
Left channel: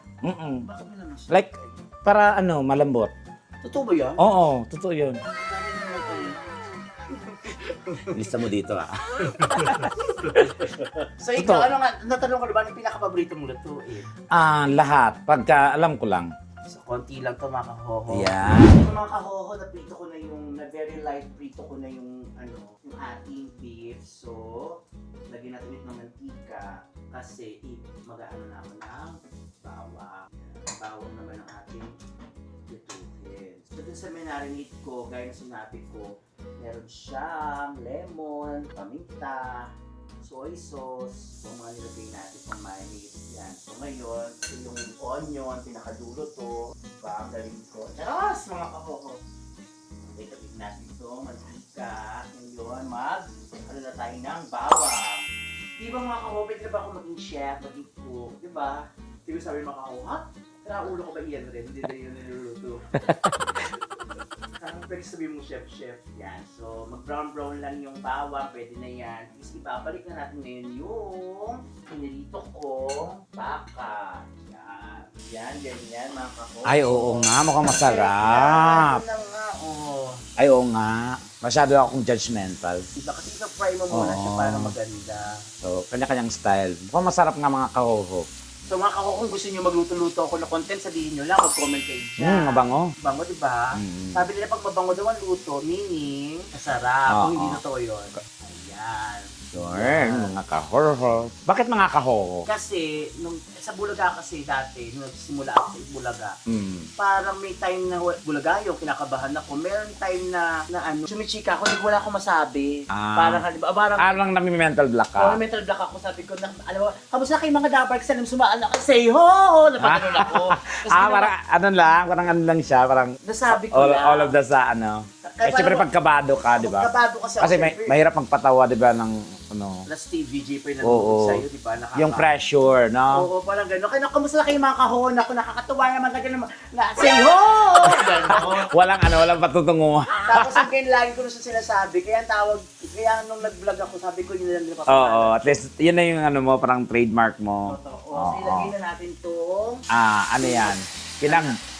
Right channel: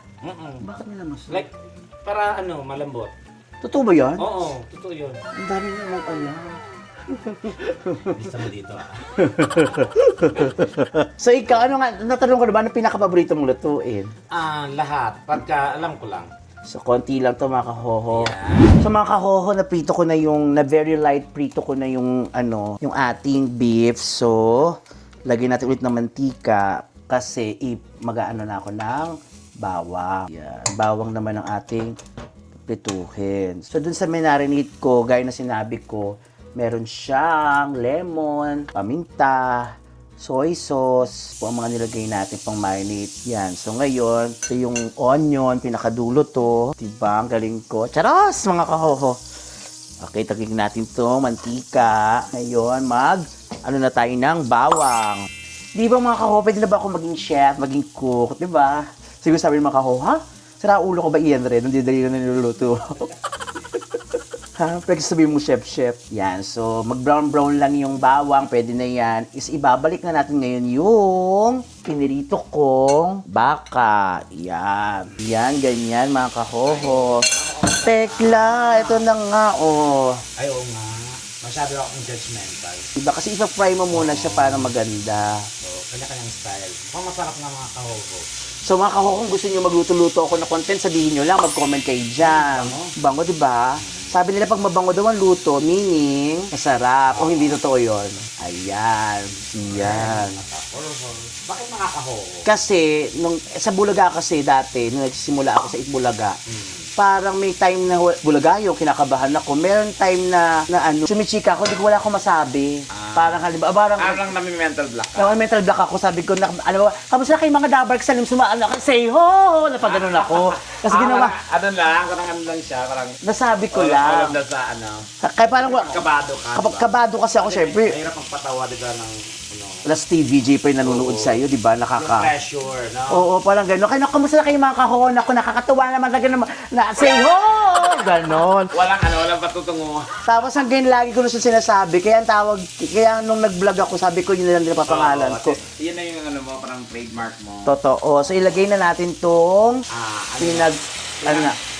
Bakit nila mas? Like, para ano, malambot. Totoo ba yan? Oo, totoo yun. Ang dami naman ano. Lista mo dito So ikaw, ano nga, natanong ko naman, ano pinaka-paborito mong lutuin? Lahat. Pagka alam ko lang. So, konti lang to mga kahoho. Yan. So, mga kahoho, naprito ko na yung, na very light prito ko na yung, ano, yung ating beef. So, lagyan natin ulit ng mantika kasi mag-aano na ako ng bawang. Yan. Bawang naman ang ating prituhin. So, dun sa marinate ko, gaya na sinabi ko, meron siyang lemon, paminta, soy sauce, po ang mga nilagay natin pang marinate. Yan. So ngayon, ito yung onion, pinakadulo to. Diba? Ang galing ko. Charos, mga kahoho. Okay, tagig natin to mantika. Ngayon, ano na tayo ng bawang. Di ba mga kahoho, pwede na ba ako maging chef, maging cook? Di ba? Siguro sabi ng mga kahoho, ha? Sira ulo ko ba iyan rin? Hindi dali na niluluto. Ha? Pwede sabihin mo, chef. Yan. So, mag-brown-brown lang yung bawang. Pwede na yan. Is ibabalik na natin ngayon yung pinirito kong baka. Yan. Yan, ganyan, mga kahoho. Ay, oo nga. Mukhang masarap. Tekla. Ito na nga, oh. Ay, oo nga. Masyado akong judgmental. Diba? Kasi isa-fry mo muna siya para maganda. So, kanya-kanyang style. Mukhang masarap nga mga kahoho. So mga kahoho, kung gusto niyo magluto-luto ako na content, sabihin niyo lang, mag-comment kayo dyan. Mabango. Bango, diba? Sabi nila pag mabango daw ang luto, meaning masarap. Kung hindi totoo yun. Ayan. Yan. Mga kahoho. Bakit mga kahoho? Kasi, sa Bulaga kasi dati, nung nagsisimula ako sa Itbulaga, parang may time na Bulaga yung kinakabahan ako. Meron time na sumichika ako, di ko wala akong masabi. Parang, halimbawa, Parang nami-mental block ka. no, mental block ako, sabi ko, ano ba, kamusta kayong mga dabark sa say ho! Napaganon ako. Kasi ginawa, parang ano lang siya, parang nasabi ko all lang. of the sa ano. Kaya Siyempre parang- pagkabado ka, di ba? Kabado kasi ako, syempre. mahirap magpatawa, di ba, ng ano. Alas TVJ pa yung nanonood Oo. sa'yo, di ba? Yung pressure, no? Oo, parang gano'n. Kaya kamusta na kayo mga kahoon ako, nakakatuwa naman lagi naman, say ho! Gano'n. Walang patutungo. Tapos ang ganyan lagi ko na siya sinasabi, kaya ang tawag, kaya nung nag-vlog ako, sabi ko yun na lang nila papangalan Oo, ko. yun na yung ano mo, parang trademark mo. Totoo. So ilagay na natin tong Ano yan?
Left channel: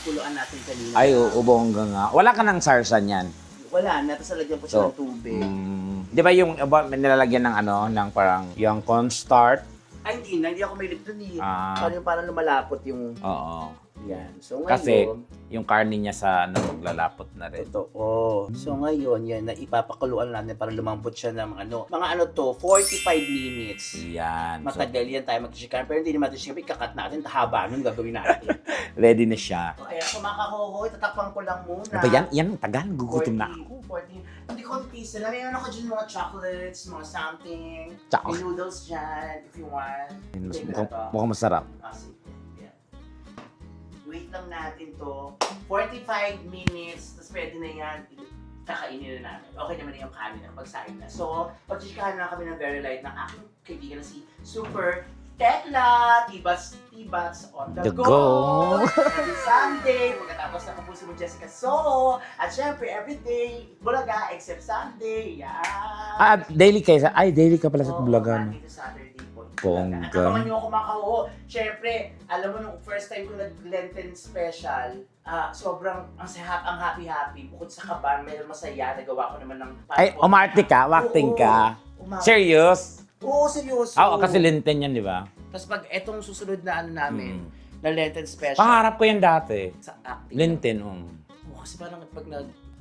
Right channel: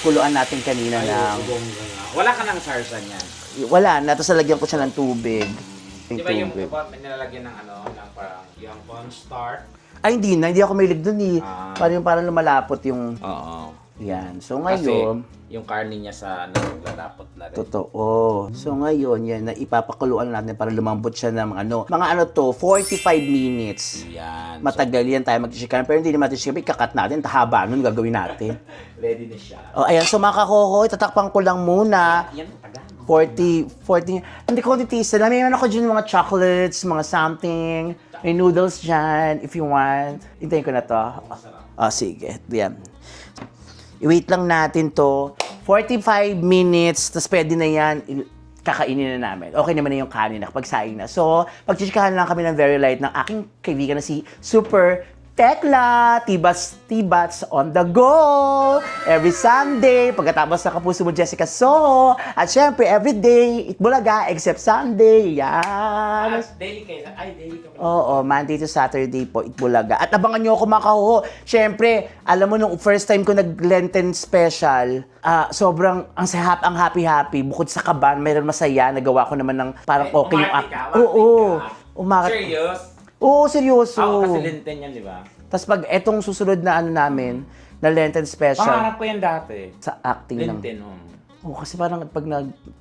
kuluan natin kanina Ay, na. ubongga nga. Wala ka ng sarsa niyan. Wala na, tapos nalagyan ko siya ng tubig. Di ba yung may nilalagyan ng ng parang yung cornstarch? Ay, hindi ako mahilig dun eh. Parang lumalapot yung, Oo. yan. So Kasi ngayon, yung karne niya sa lalapot na rin. totoo. So ngayon, yan, na ipapakuluan natin para lumambot siya ng mga 45 minutes. Yan. Matagal yan tayo mag-chicken, pero hindi naman natin chicken, ikakat natin, haba nun, gagawin natin. Ready na siya. O, ayan, so mga kahoho, itatakpan ko lang muna. Yan ang tagal. Gugutom na. 40, hindi ko titisa lang. Mayroon ako dyan mga chocolates, mga something. Chocolate. May noodles dyan, if you want. Hintayin ko na to. Mukhang masarap. Sige, yan. I-wait lang natin to. 45 minutes, tapos pwede na yan. Kakainin na namin. Okay naman na yung kanin na kapag saing na. So, pagchichikahan lang kami ng very light ng aking kaibigan na si Super Tekla, Tibats on the go. Every Sunday, pagkatapos ng Kapuso Mo Jessica Soho. At syempre, every day, Itbulaga, except Sunday. Yan. At daily kayo daily ka pala sa Oo, Itbulaga. Monday to Saturday po, Itbulaga. At abangan nyo ako makahuho. Syempre, alam mo, nung first time ko nag-Lenten special, sobrang ang happy-happy. Bukod sa kaban, mayroon masaya. Nagawa ko naman ng parang Ay, umarte ka? Acting ka? Serious? Oo, seryoso. Oo, kasi Lenten yan, di ba? Tapos pag etong susunod na ano namin, na Lenten special, Pangarap ko yan dati. sa acting lang. Lenten, Oo, kasi parang pag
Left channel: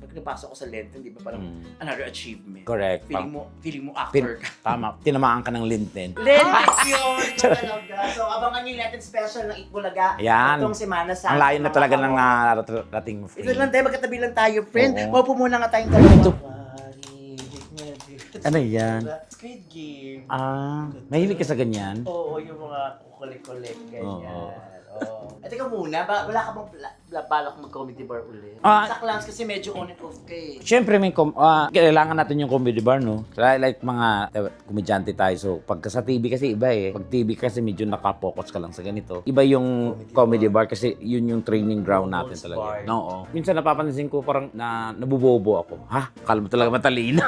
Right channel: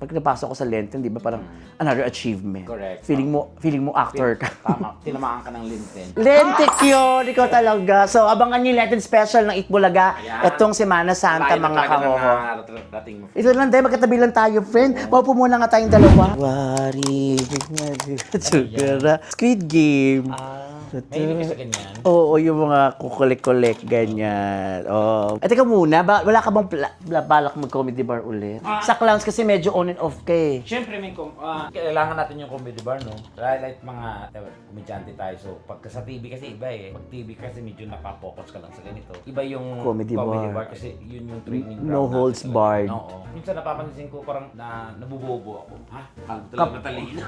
napasok ko sa Lenten, di ba, parang another achievement. Correct. Feeling mo actor ka. Tama, tinamaan ka ng Lenten. Lenten yun! Ikaw talaga. So, abangan niyo yung Lenten special ng Itbulaga. Ayan. Itong Semana Ang Santa, layo na mga talaga ng kahoho. rating mo. Ito lang tayo, magkatabi lang tayo, friend. Mapo muna nga tayong dalawa. Ano yan? Squid Game. Mahilig ka sa ganyan? Oo, yung mga kukulik-kulik, ganyan. Oo. Eh, teka muna, wala ka bang balak mag-comedy bar ulit? Sa clowns kasi medyo on and off ka eh. Siyempre, kailangan natin yung comedy bar, no? Like mga komedyante tayo. So, pagka sa TV kasi iba eh. Pag TV kasi medyo nakapokus ka lang sa ganito. Iba yung comedy bar kasi yun yung training ground No natin. holds barred. Oo. Minsan napapansin ko parang nabubobo ako. Ha? Akala mo talaga matalino.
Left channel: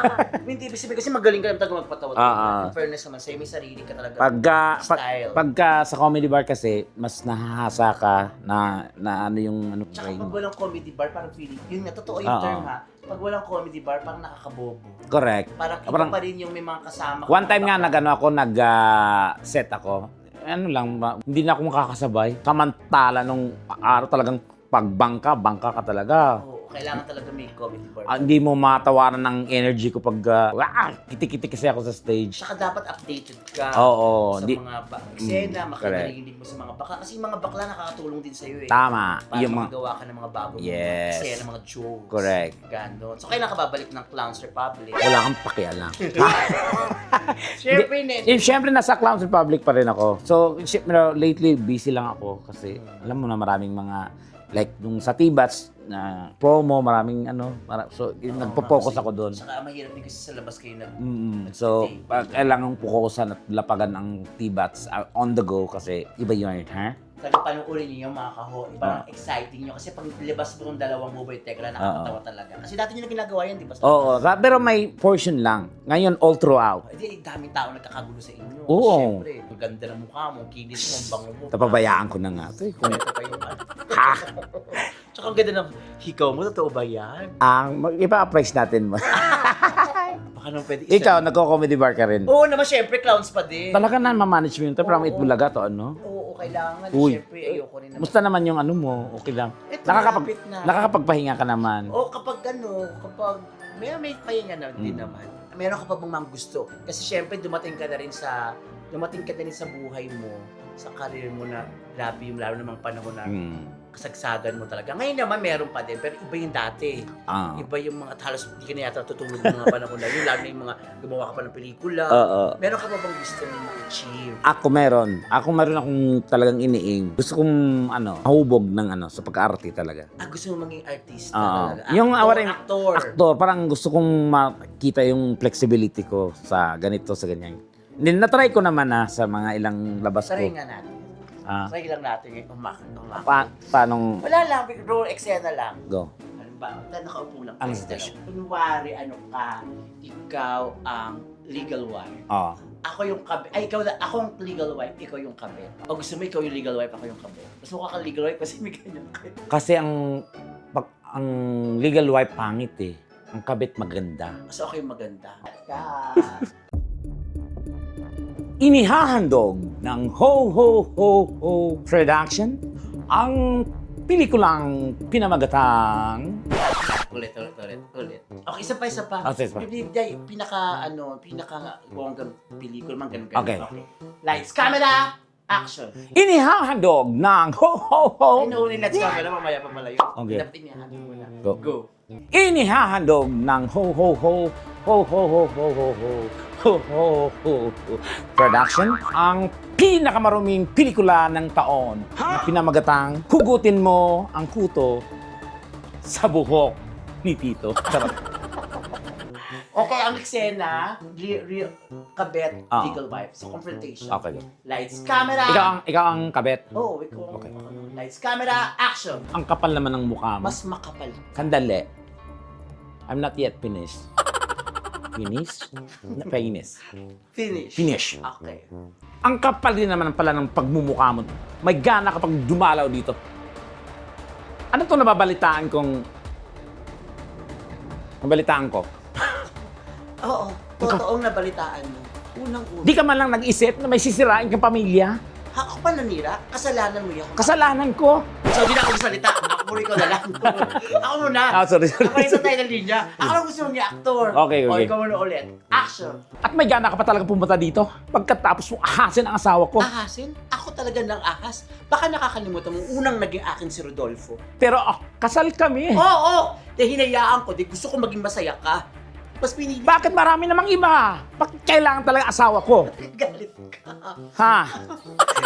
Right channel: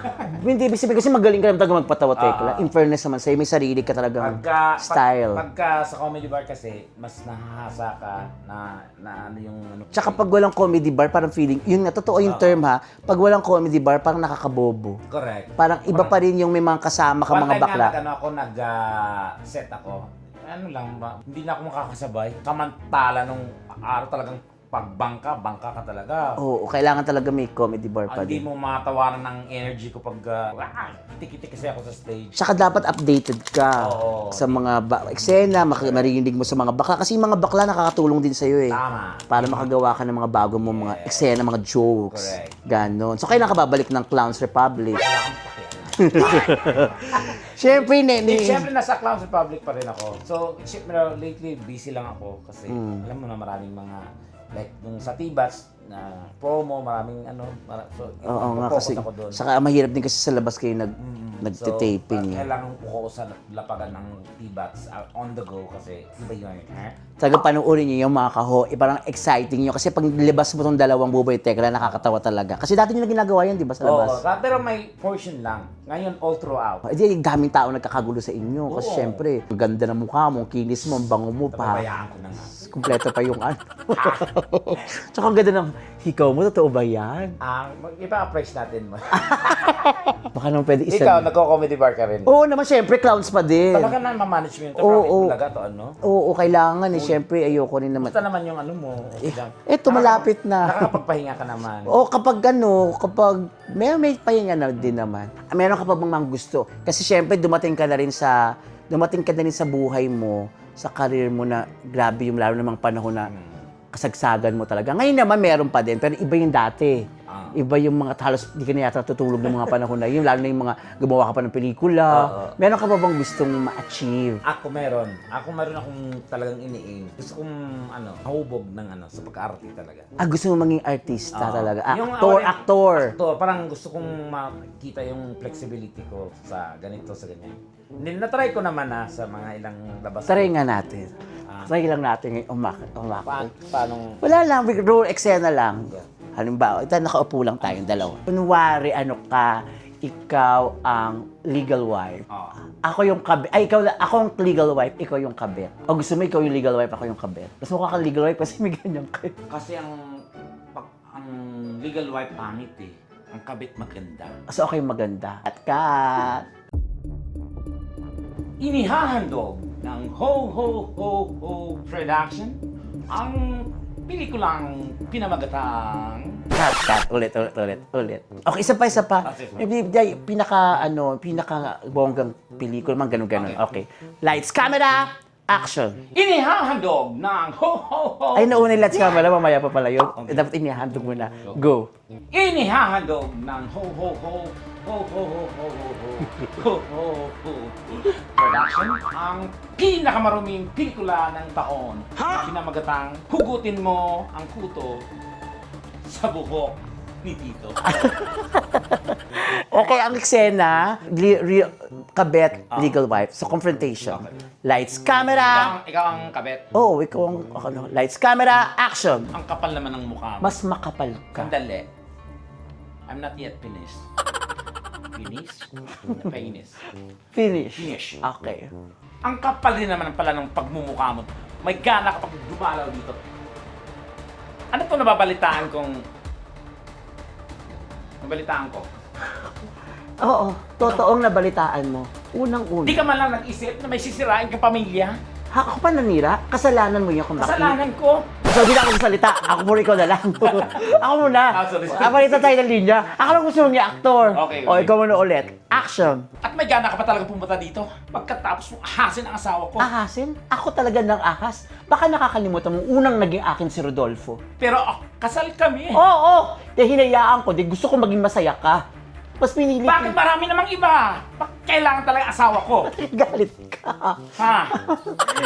Hindi, ibig sabihin kasi magaling ka naman talaga magpatawa, Tekla. In fairness naman sa'yo, may sarili ka talaga style. Pagka sa comedy bar kasi, mas nahahasa ka na ano yung... Tsaka pag walang comedy bar, parang feeling, yun nga, totoo yung term ha, pag walang comedy bar, parang nakakabobo. Correct. Parang iba pa rin yung may mga kasama ka, One mga time nga bakla. nag-set ako. Ano lang, hindi na ako makakasabay. Samantala nung araw talagang pagbangka ka talaga. Oo, kailangan talaga may comedy bar pa. Hindi mo matawaran ng energy ko pag kiti-kiti kasi ako sa stage. Tsaka dapat updated ka Oo, sa mga eksena, marinig mo sa mga bakla. Kasi yung mga bakla nakakatulong din sa'yo eh. Tama. Para Yung makagawa ka ng mga bago mong mga Yes. eksena, mga jokes. Correct. Ganon. So, kailan ka babalik ng Clowns Republic? Wala kang pakialam. Siyempre, Siyempre, nasa Clowns Republic pa rin ako. So, siyempre, lately, busy lang ako. Kasi, alam mo na maraming mga, like, nung sa Tibats, na promo, maraming so, nagpo-focus ako doon. Saka mahirap din kasi sa labas kayo So, nagtitaping. kailangan pukusan at lapagan ang Tibats on the go kasi iba yun, ha? Talagang panoorin niyo yung mga kaho, parang exciting nyo. Kasi pag nilabas mo tong dalawang Buboy Tekla, nakakatawa talaga. Kasi dati nyo na ginagawa yan, di ba, sa Oo, labas? pero may portion lang. Ngayon, all throughout. Hindi, daming tao nagkakagulo sa inyo. Kasi Oo. syempre, ang ganda ng mukha mo, ang kinis mo, ang bango mo. Napabayaan ko na nga. Kompleto pa yung ano. Tsaka ang ganda ng hikaw mo, totoo ba yan? Ipa-appraise natin mo. Baka naman pwede isa. Ikaw, nagko-comedy bar ka rin. Oo naman, syempre, clowns pa din. Talaga na ma-manage mo yun. Pero Oo, ang Itbulaga to, ano? Oo, kailangan eh. Syempre, ayoko rin naman. Basta naman yung ano mo, okay lang. Eto, malapit na. Nakakapagpahinga ka naman. O kapag may pahinga na din naman. Meron ka pa bang mga gusto? Kasi syempre dumating ka na rin sa buhay mo, sa career mo na grabe yung lalo namang panahon na kasagsagan mo talaga. Ngayon naman meron pa din, pero iba yung dati. Iba yung mga halos di ka na yata tutulog yung mga panahon na yun, lalo na yung mga gumawa ka pa ng pelikula. Meron ka pa bang gustong ma-achieve? Ako meron akong talagang iniing. Gusto kong mahubog ng sa pagka-arte talaga. Gusto mo maging artista talaga? Yung Actor. Parang gusto kong makita yung flexibility ko sa ganito, sa ganyan. Na-try ko naman sa mga ilang labas ko. Try nga natin. Try lang natin ngayon umakit. Paanong... Wala lang, role eksena lang. Go. Halimbawa, nakaupo lang tayong dalawa. Kunwari, ikaw ang legal wife. Ako yung kabit. Ako ang legal wife, ikaw yung kabit. O gusto mo ikaw yung legal wife, ako yung kabit. Mas mukha kang legal wife kasi may ganyan kayo. Kasi ang legal wife pangit eh. Ang kabit maganda. So ako yung maganda. At ka. Inihahandog ng Ho Ho Ho Ho Production ang pelikulang pinamagatang Ulit. Okay, isa pa. Sige. May pinaka bonggang pelikula, man ganun. Okay. Lights, camera, action. Inihahandog ng Ho Ho Ho. Ay, nauna yung lights, camera, mamaya pa pala yun. Dapat inihandog mo na. Go. Inihahandog ng Ho Ho Ho Ho Ho Ho Ho Ho Ho Ho Ho Production ang pinakamaruming pelikula ng taon. Pinamagatang Hugutin Mo ang Kuto sa Buhok ni Tito. Okay, ang eksena, kabet, legal wife. So, confrontation. Okay. Lights, camera. Ikaw ang kabet. Oo, ikaw ang lights, camera, action. Ang kapal naman ng mukha mo. Mas makapal. Kandali. I'm not yet finished. Finish? Finish. Finish. Finish. Okay. Ang kapal din naman pala ng pagmumukha mo. May gana kapag dumalaw dito. Ano to nababalitaan kong... Nabalitaan ko? Oo, totoong nabalitaan mo. Unang-una. Di ka man lang nag-isip na may sisirain kang pamilya? Ako pa nanira, kasalanan mo yan. kung bakit. Kasalanan ko. So, bilang ako salita, ako muna ikaw na lang. Ako muna. Sorry. Ako rin sa tayo ng linya. Ako lang gusto niya, aktor. Okay. O, ikaw muna ulit. Action. At may gana ka pa talaga pumunta dito pagkatapos mong ahasin ang asawa ko. Ahasin? Ako talaga ng ahas. Baka nakakalimutan mo, unang naging akin si Rodolfo. Pero kasal kami. Oo! Hinayaan ko, gusto ko maging masaya ka. Mas pinili ko. Bakit marami namang iba? Bakit kailangan talaga asawa ko? Galit ka. Ha?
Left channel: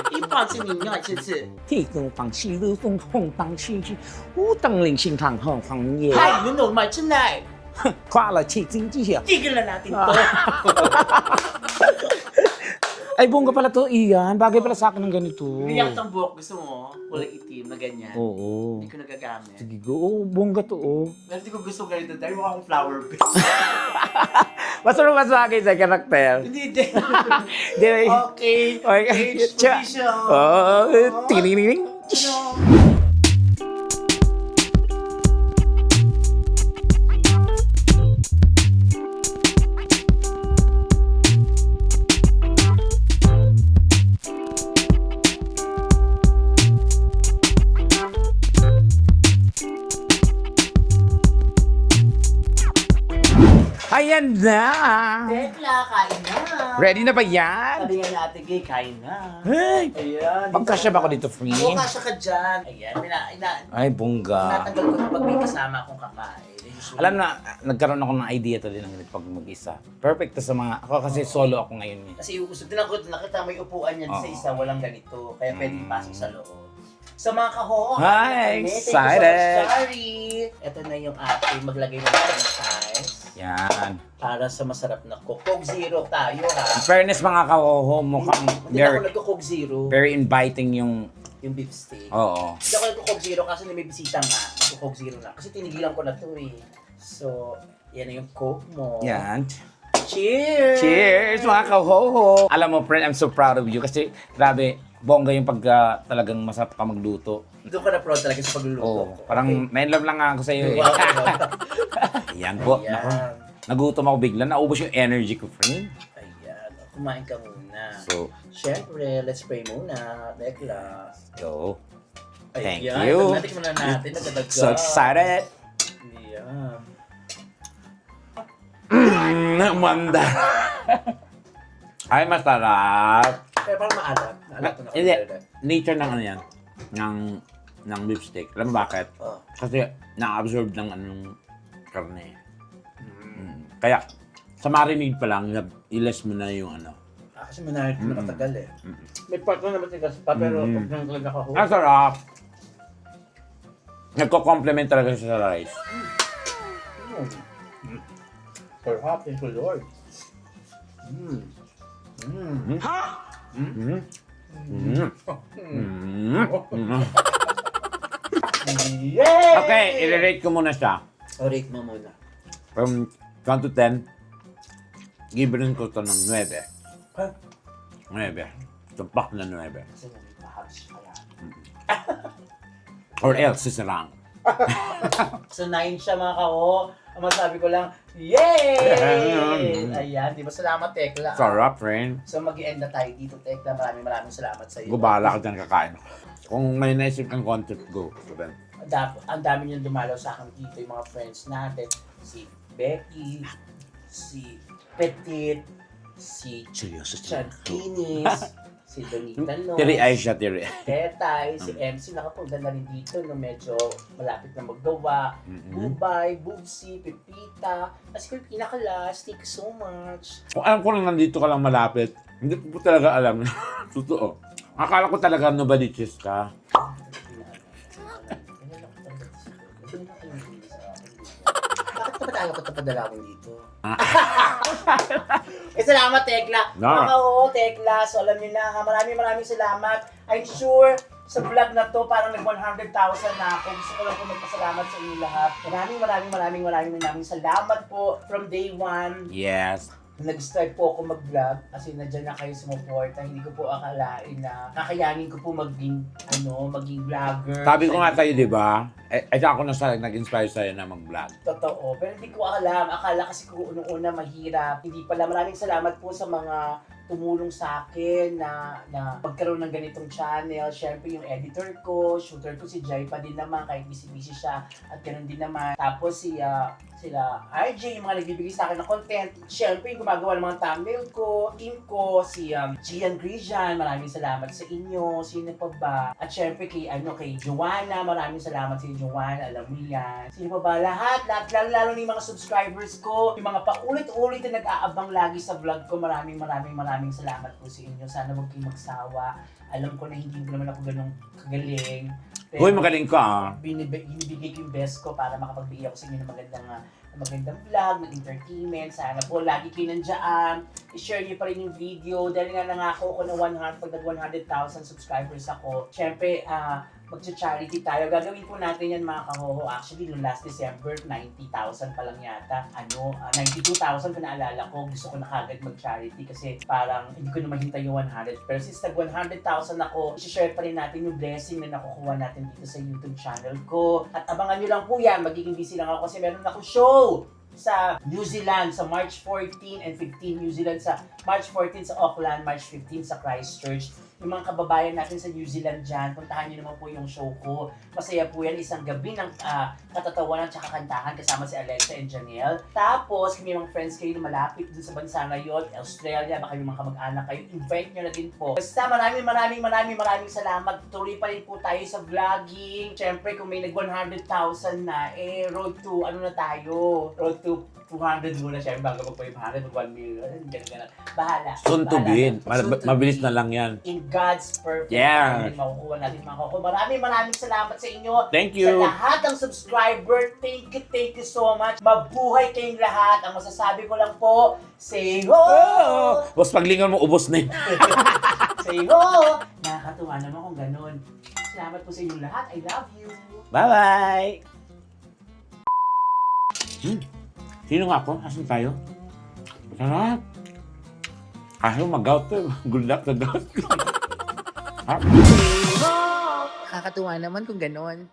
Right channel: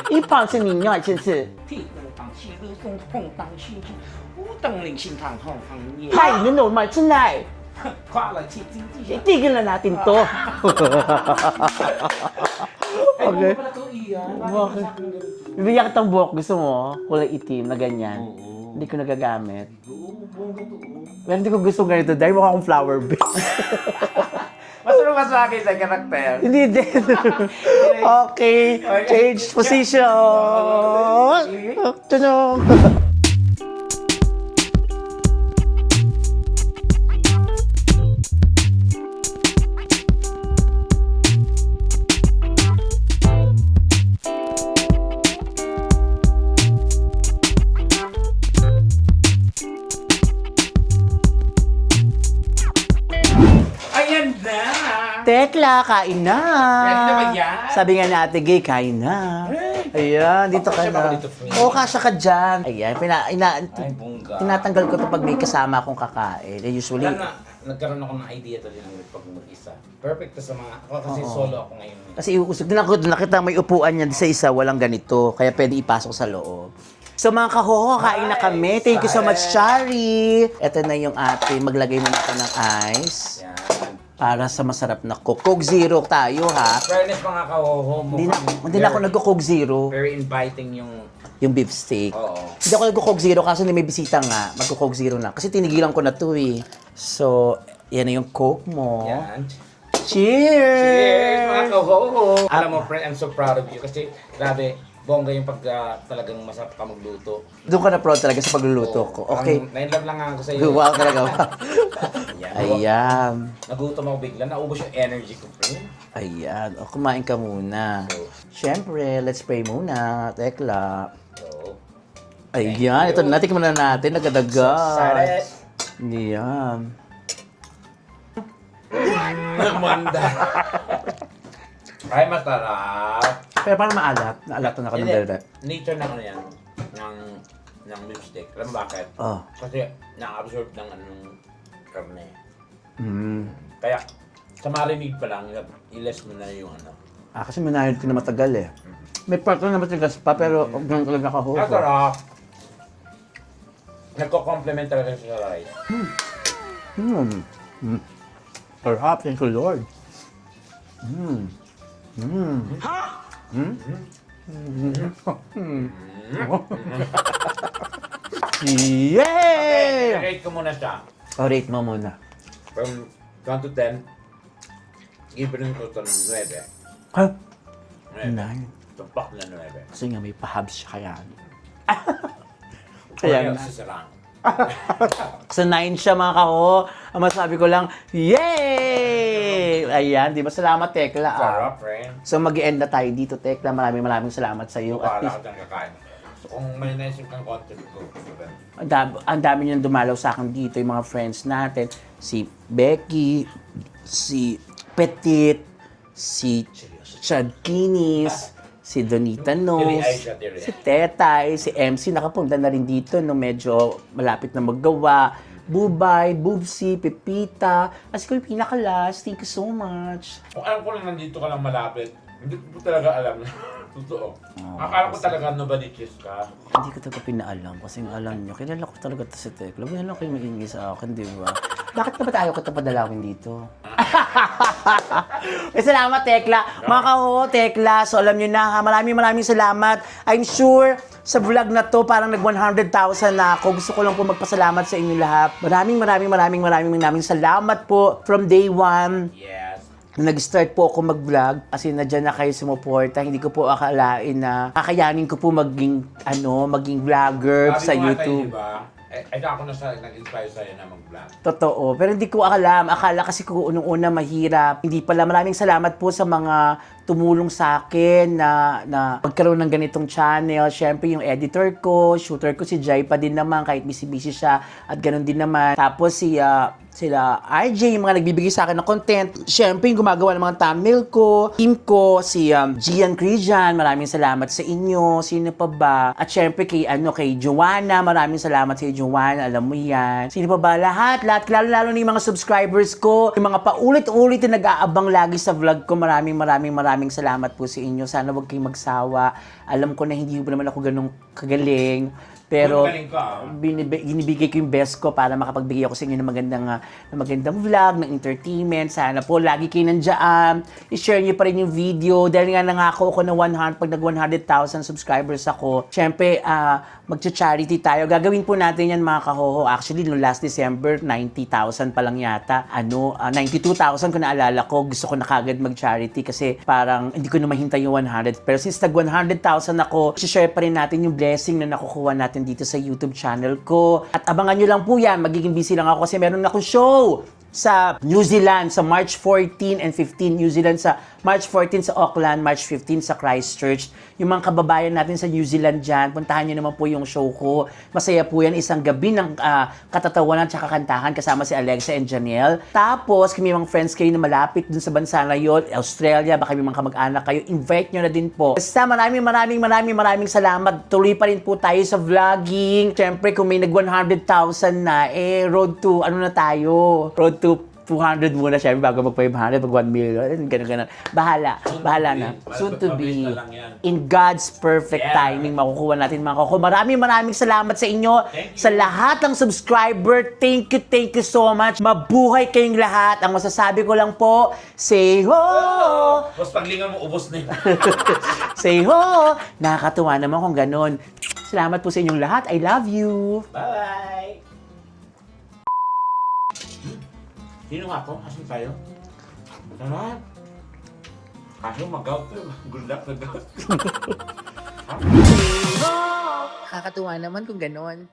一胖是你要真是。地东当西路东红当西去，无当零星堂后行业。嗨，你懂吗？真係。跨了去经济学。 Tigil na natin to. Ay, bunga pala to, Ian. Bagay pala sa akin ng ganito. Biyak tang buhok, gusto mo? Kulay itim na ganyan. Oo. Hindi ko nagagamit. Oo, bongga to, oh. Pero hindi ko gusto ganito dahil mukha akong flower bed. Masunod ka sa akin sa karakter. Hindi din. Okay. Change position. Tininig. Tunog. Ayan na! Tekla, kain na. Ready na ba yan? Sabi nga ni Ate Gay, kain na. Ayan, dito Kasya ka ba na. ako dito, Fring? Oo, kasya ka dyan. Ayan, Ay, bongga. tinatanggal ko ito pag may kasama akong kakain. Usually, Alam na, nagkaroon ako ng idea to din pag mag-isa. Perfect to sa mga, ako kasi solo ako ngayon. kasi iuusog din ako, nakita may upuan yan sa isa, walang ganito. Kaya pwede ipasok sa loob. So mga kahoho, kain na Hi, kami. Thank you so much, excited. Chari. Ito na yung ating, maglagay muna ako ng ice. Yan. Para sa masarap na Coke. Coke Zero tayo, ha? Fairness mga kahoho, Hindi mukhang na ako nagko-Coke Zero. very inviting Yung beef steak. Oo. Hindi ako nagko-Coke Zero kasi may bisita nga. Magko-Coke Zero na. Kasi tinigilan ko na to eh. So, yan na yung Coke mo. Yan. Cheers! Cheers mga kahoho! Alam mo, friend, I'm so proud of you kasi grabe, bongga yung pagka talagang masarap ka magluto. Doon ka na proud talaga sa pagluluto ko. Parang Okay. na-inlove lang nga ako sa iyo. Wow, talaga. Ayan. Ayan. Nagutom ako bigla. Naubos yung energy ko, friend. Ayan. O, kumain ka muna. So, Siyempre, let's pray muna. Tekla. so, Ayan. Thank you. Ito, natikman na natin. Nagkadagdag. so excited. Ayan. Manda. Ay, masarap. Pero parang maalat. Naalat na kami. Hindi. Nature ng ano yan. Ng beef steak. Alam mo bakit? Oh. Kasi na-absorb ng anong karne. Kaya, sa marinade pa lang, ilas mo na yung ano. Kasi manahid ko na matagal eh. May part na matigas pa, pero ganun talaga kahulog. Ang sarap. Nagko-complement talaga siya sa rice. Sarap. Thank you, Lord. Yay! Okay, i-rate ko muna siya. Rate mo muna. From 1 to 10, give rin ko to ng 9. Ha? 9. Tumpak na 9. Kasi nga may pahabs siya kaya. Or Ayan. else, sisarang. Sa 9 siya mga kako. Ang masabi ko lang, yay! Ayan, di ba? Salamat, Tekla. Sarap, friend. So mag-end na tayo dito, Tekla. Maraming salamat sa iyo. Bubala ka dyan kakain. Kung may naisip kang content, go. Ang dami niyang dumalaw sa akin dito, yung mga friends natin. Si Becky, si Petit, si Chad Kinis, si Donita Nos, Tiri ay siya, tiri. si Tetay, si MC, nakapunta na rin dito nung medyo malapit na maggawa. Bubay, Bubsy, Pepita, as ko yung pinakalas. Thank you so much. Kung alam ko lang nandito ka lang malapit, hindi ko talaga alam. Totoo. Akala ko talaga nobody-chis ka. Hindi ko talaga pinaalam kasi alam nyo, kilala ko talaga to si Tekla. Wala lang kayo magiging sa akin, di ba? Bakit ka ba tayo ko padalawin dito? Salamat, Tekla. No. Mga kahoho, Tekla. So, alam nyo na, ha? Maraming salamat. I'm sure sa vlog na to, parang nag 100,000 na ako. Gusto ko lang po magpasalamat sa inyo lahat. Maraming salamat po from day one. Yes. Nung nag-start po ako mag-vlog, kasi nadyan na kayo sumuporta, hindi ko po akalain na kakayanin ko po maging vlogger Sabi sa ko nga YouTube. sa'yo, di ba? Ako na nag-inspire sa'yo na mag-vlog. Totoo. Pero hindi ko alam. Akala kasi ko unang-una mahirap. Hindi pala. Maraming salamat po sa mga tumulong sa akin na magkaroon ng ganitong channel. Siyempre, yung editor ko, shooter ko, si Jai pa din naman, kahit busy-busy siya. At ganun din naman. Tapos sila RJ, yung mga nagbibigay sa akin ng content. Siyempre, yung gumagawa ng mga thumbnail ko. Team ko, si Gian Crijan, maraming salamat sa inyo. Sino pa ba? At siyempre, kay Joanna, maraming salamat sa Joanna. Alam mo yan. Sino pa ba? Lahat, lalo na yung mga subscribers ko. Yung mga paulit-ulit na nag-aabang lagi sa vlog ko. Maraming salamat po sa inyo. Sana wag kayong magsawa. Alam ko na hindi pa naman ako ganun kagaling. Pero Uy, magaling ka, ah. Binibigay ko yung best ko para makapagbigay ako sa inyo ng magandang vlog, ng entertainment. Sana po lagi kayo nandiyan. I-share niyo pa rin yung video. Dahil nga nangako ako na pag nag 100,000 subscribers ako, syempre, magcha-charity tayo. Gagawin po natin yan, mga kahoho. Actually, no last December, 90,000 pa lang yata. 92,000 kung naalala ko. Gusto ko na kagad mag-charity kasi parang hindi ko na mahintay yung 100. Pero since nag 100,000 ako, share pa rin natin yung blessing na nakukuha natin dito sa YouTube channel ko. At abangan nyo lang po yan. Magiging busy lang ako kasi meron akong show sa New Zealand sa March 14 and 15. New Zealand sa March 14 sa Auckland, March 15 sa Christchurch. Yung mga kababayan natin sa New Zealand dyan, puntahan nyo naman po yung show ko. Masaya po yan, isang gabi ng katatawanan at kantahan kasama si Alexa and Janelle. Tapos, kung may mga friends kayo na malapit dun sa bansa na yun, Australia, baka may mga kamag-anak kayo, invite nyo na din po. Basta maraming salamat. Tuloy pa rin po tayo sa vlogging. Siyempre, kung may nag 100,000 na, road to, ano na tayo? Road to 200 muna syempre bago mag 500, mag 1 million, ganun. Bahala. Soon to Bahala be. na. Soon to Mabilis be. na lang yan. In God's perfect Yeah. timing, makukuha natin mga koko. Maraming salamat sa inyo. Thank you. Sa lahat ng subscriber, thank you so much. Mabuhay kayong lahat. Ang masasabi ko lang po, say ho! Tapos paglingan mo, ubos na yun. Say ho! Nakakatuwa naman kung ganun. Salamat po sa inyong lahat. I love you. Bye-bye! Sino nga ako? Asan tayo? Sarap. Ayaw mag-out to. Good luck sa gout. Nakakatuwa naman kung ganon.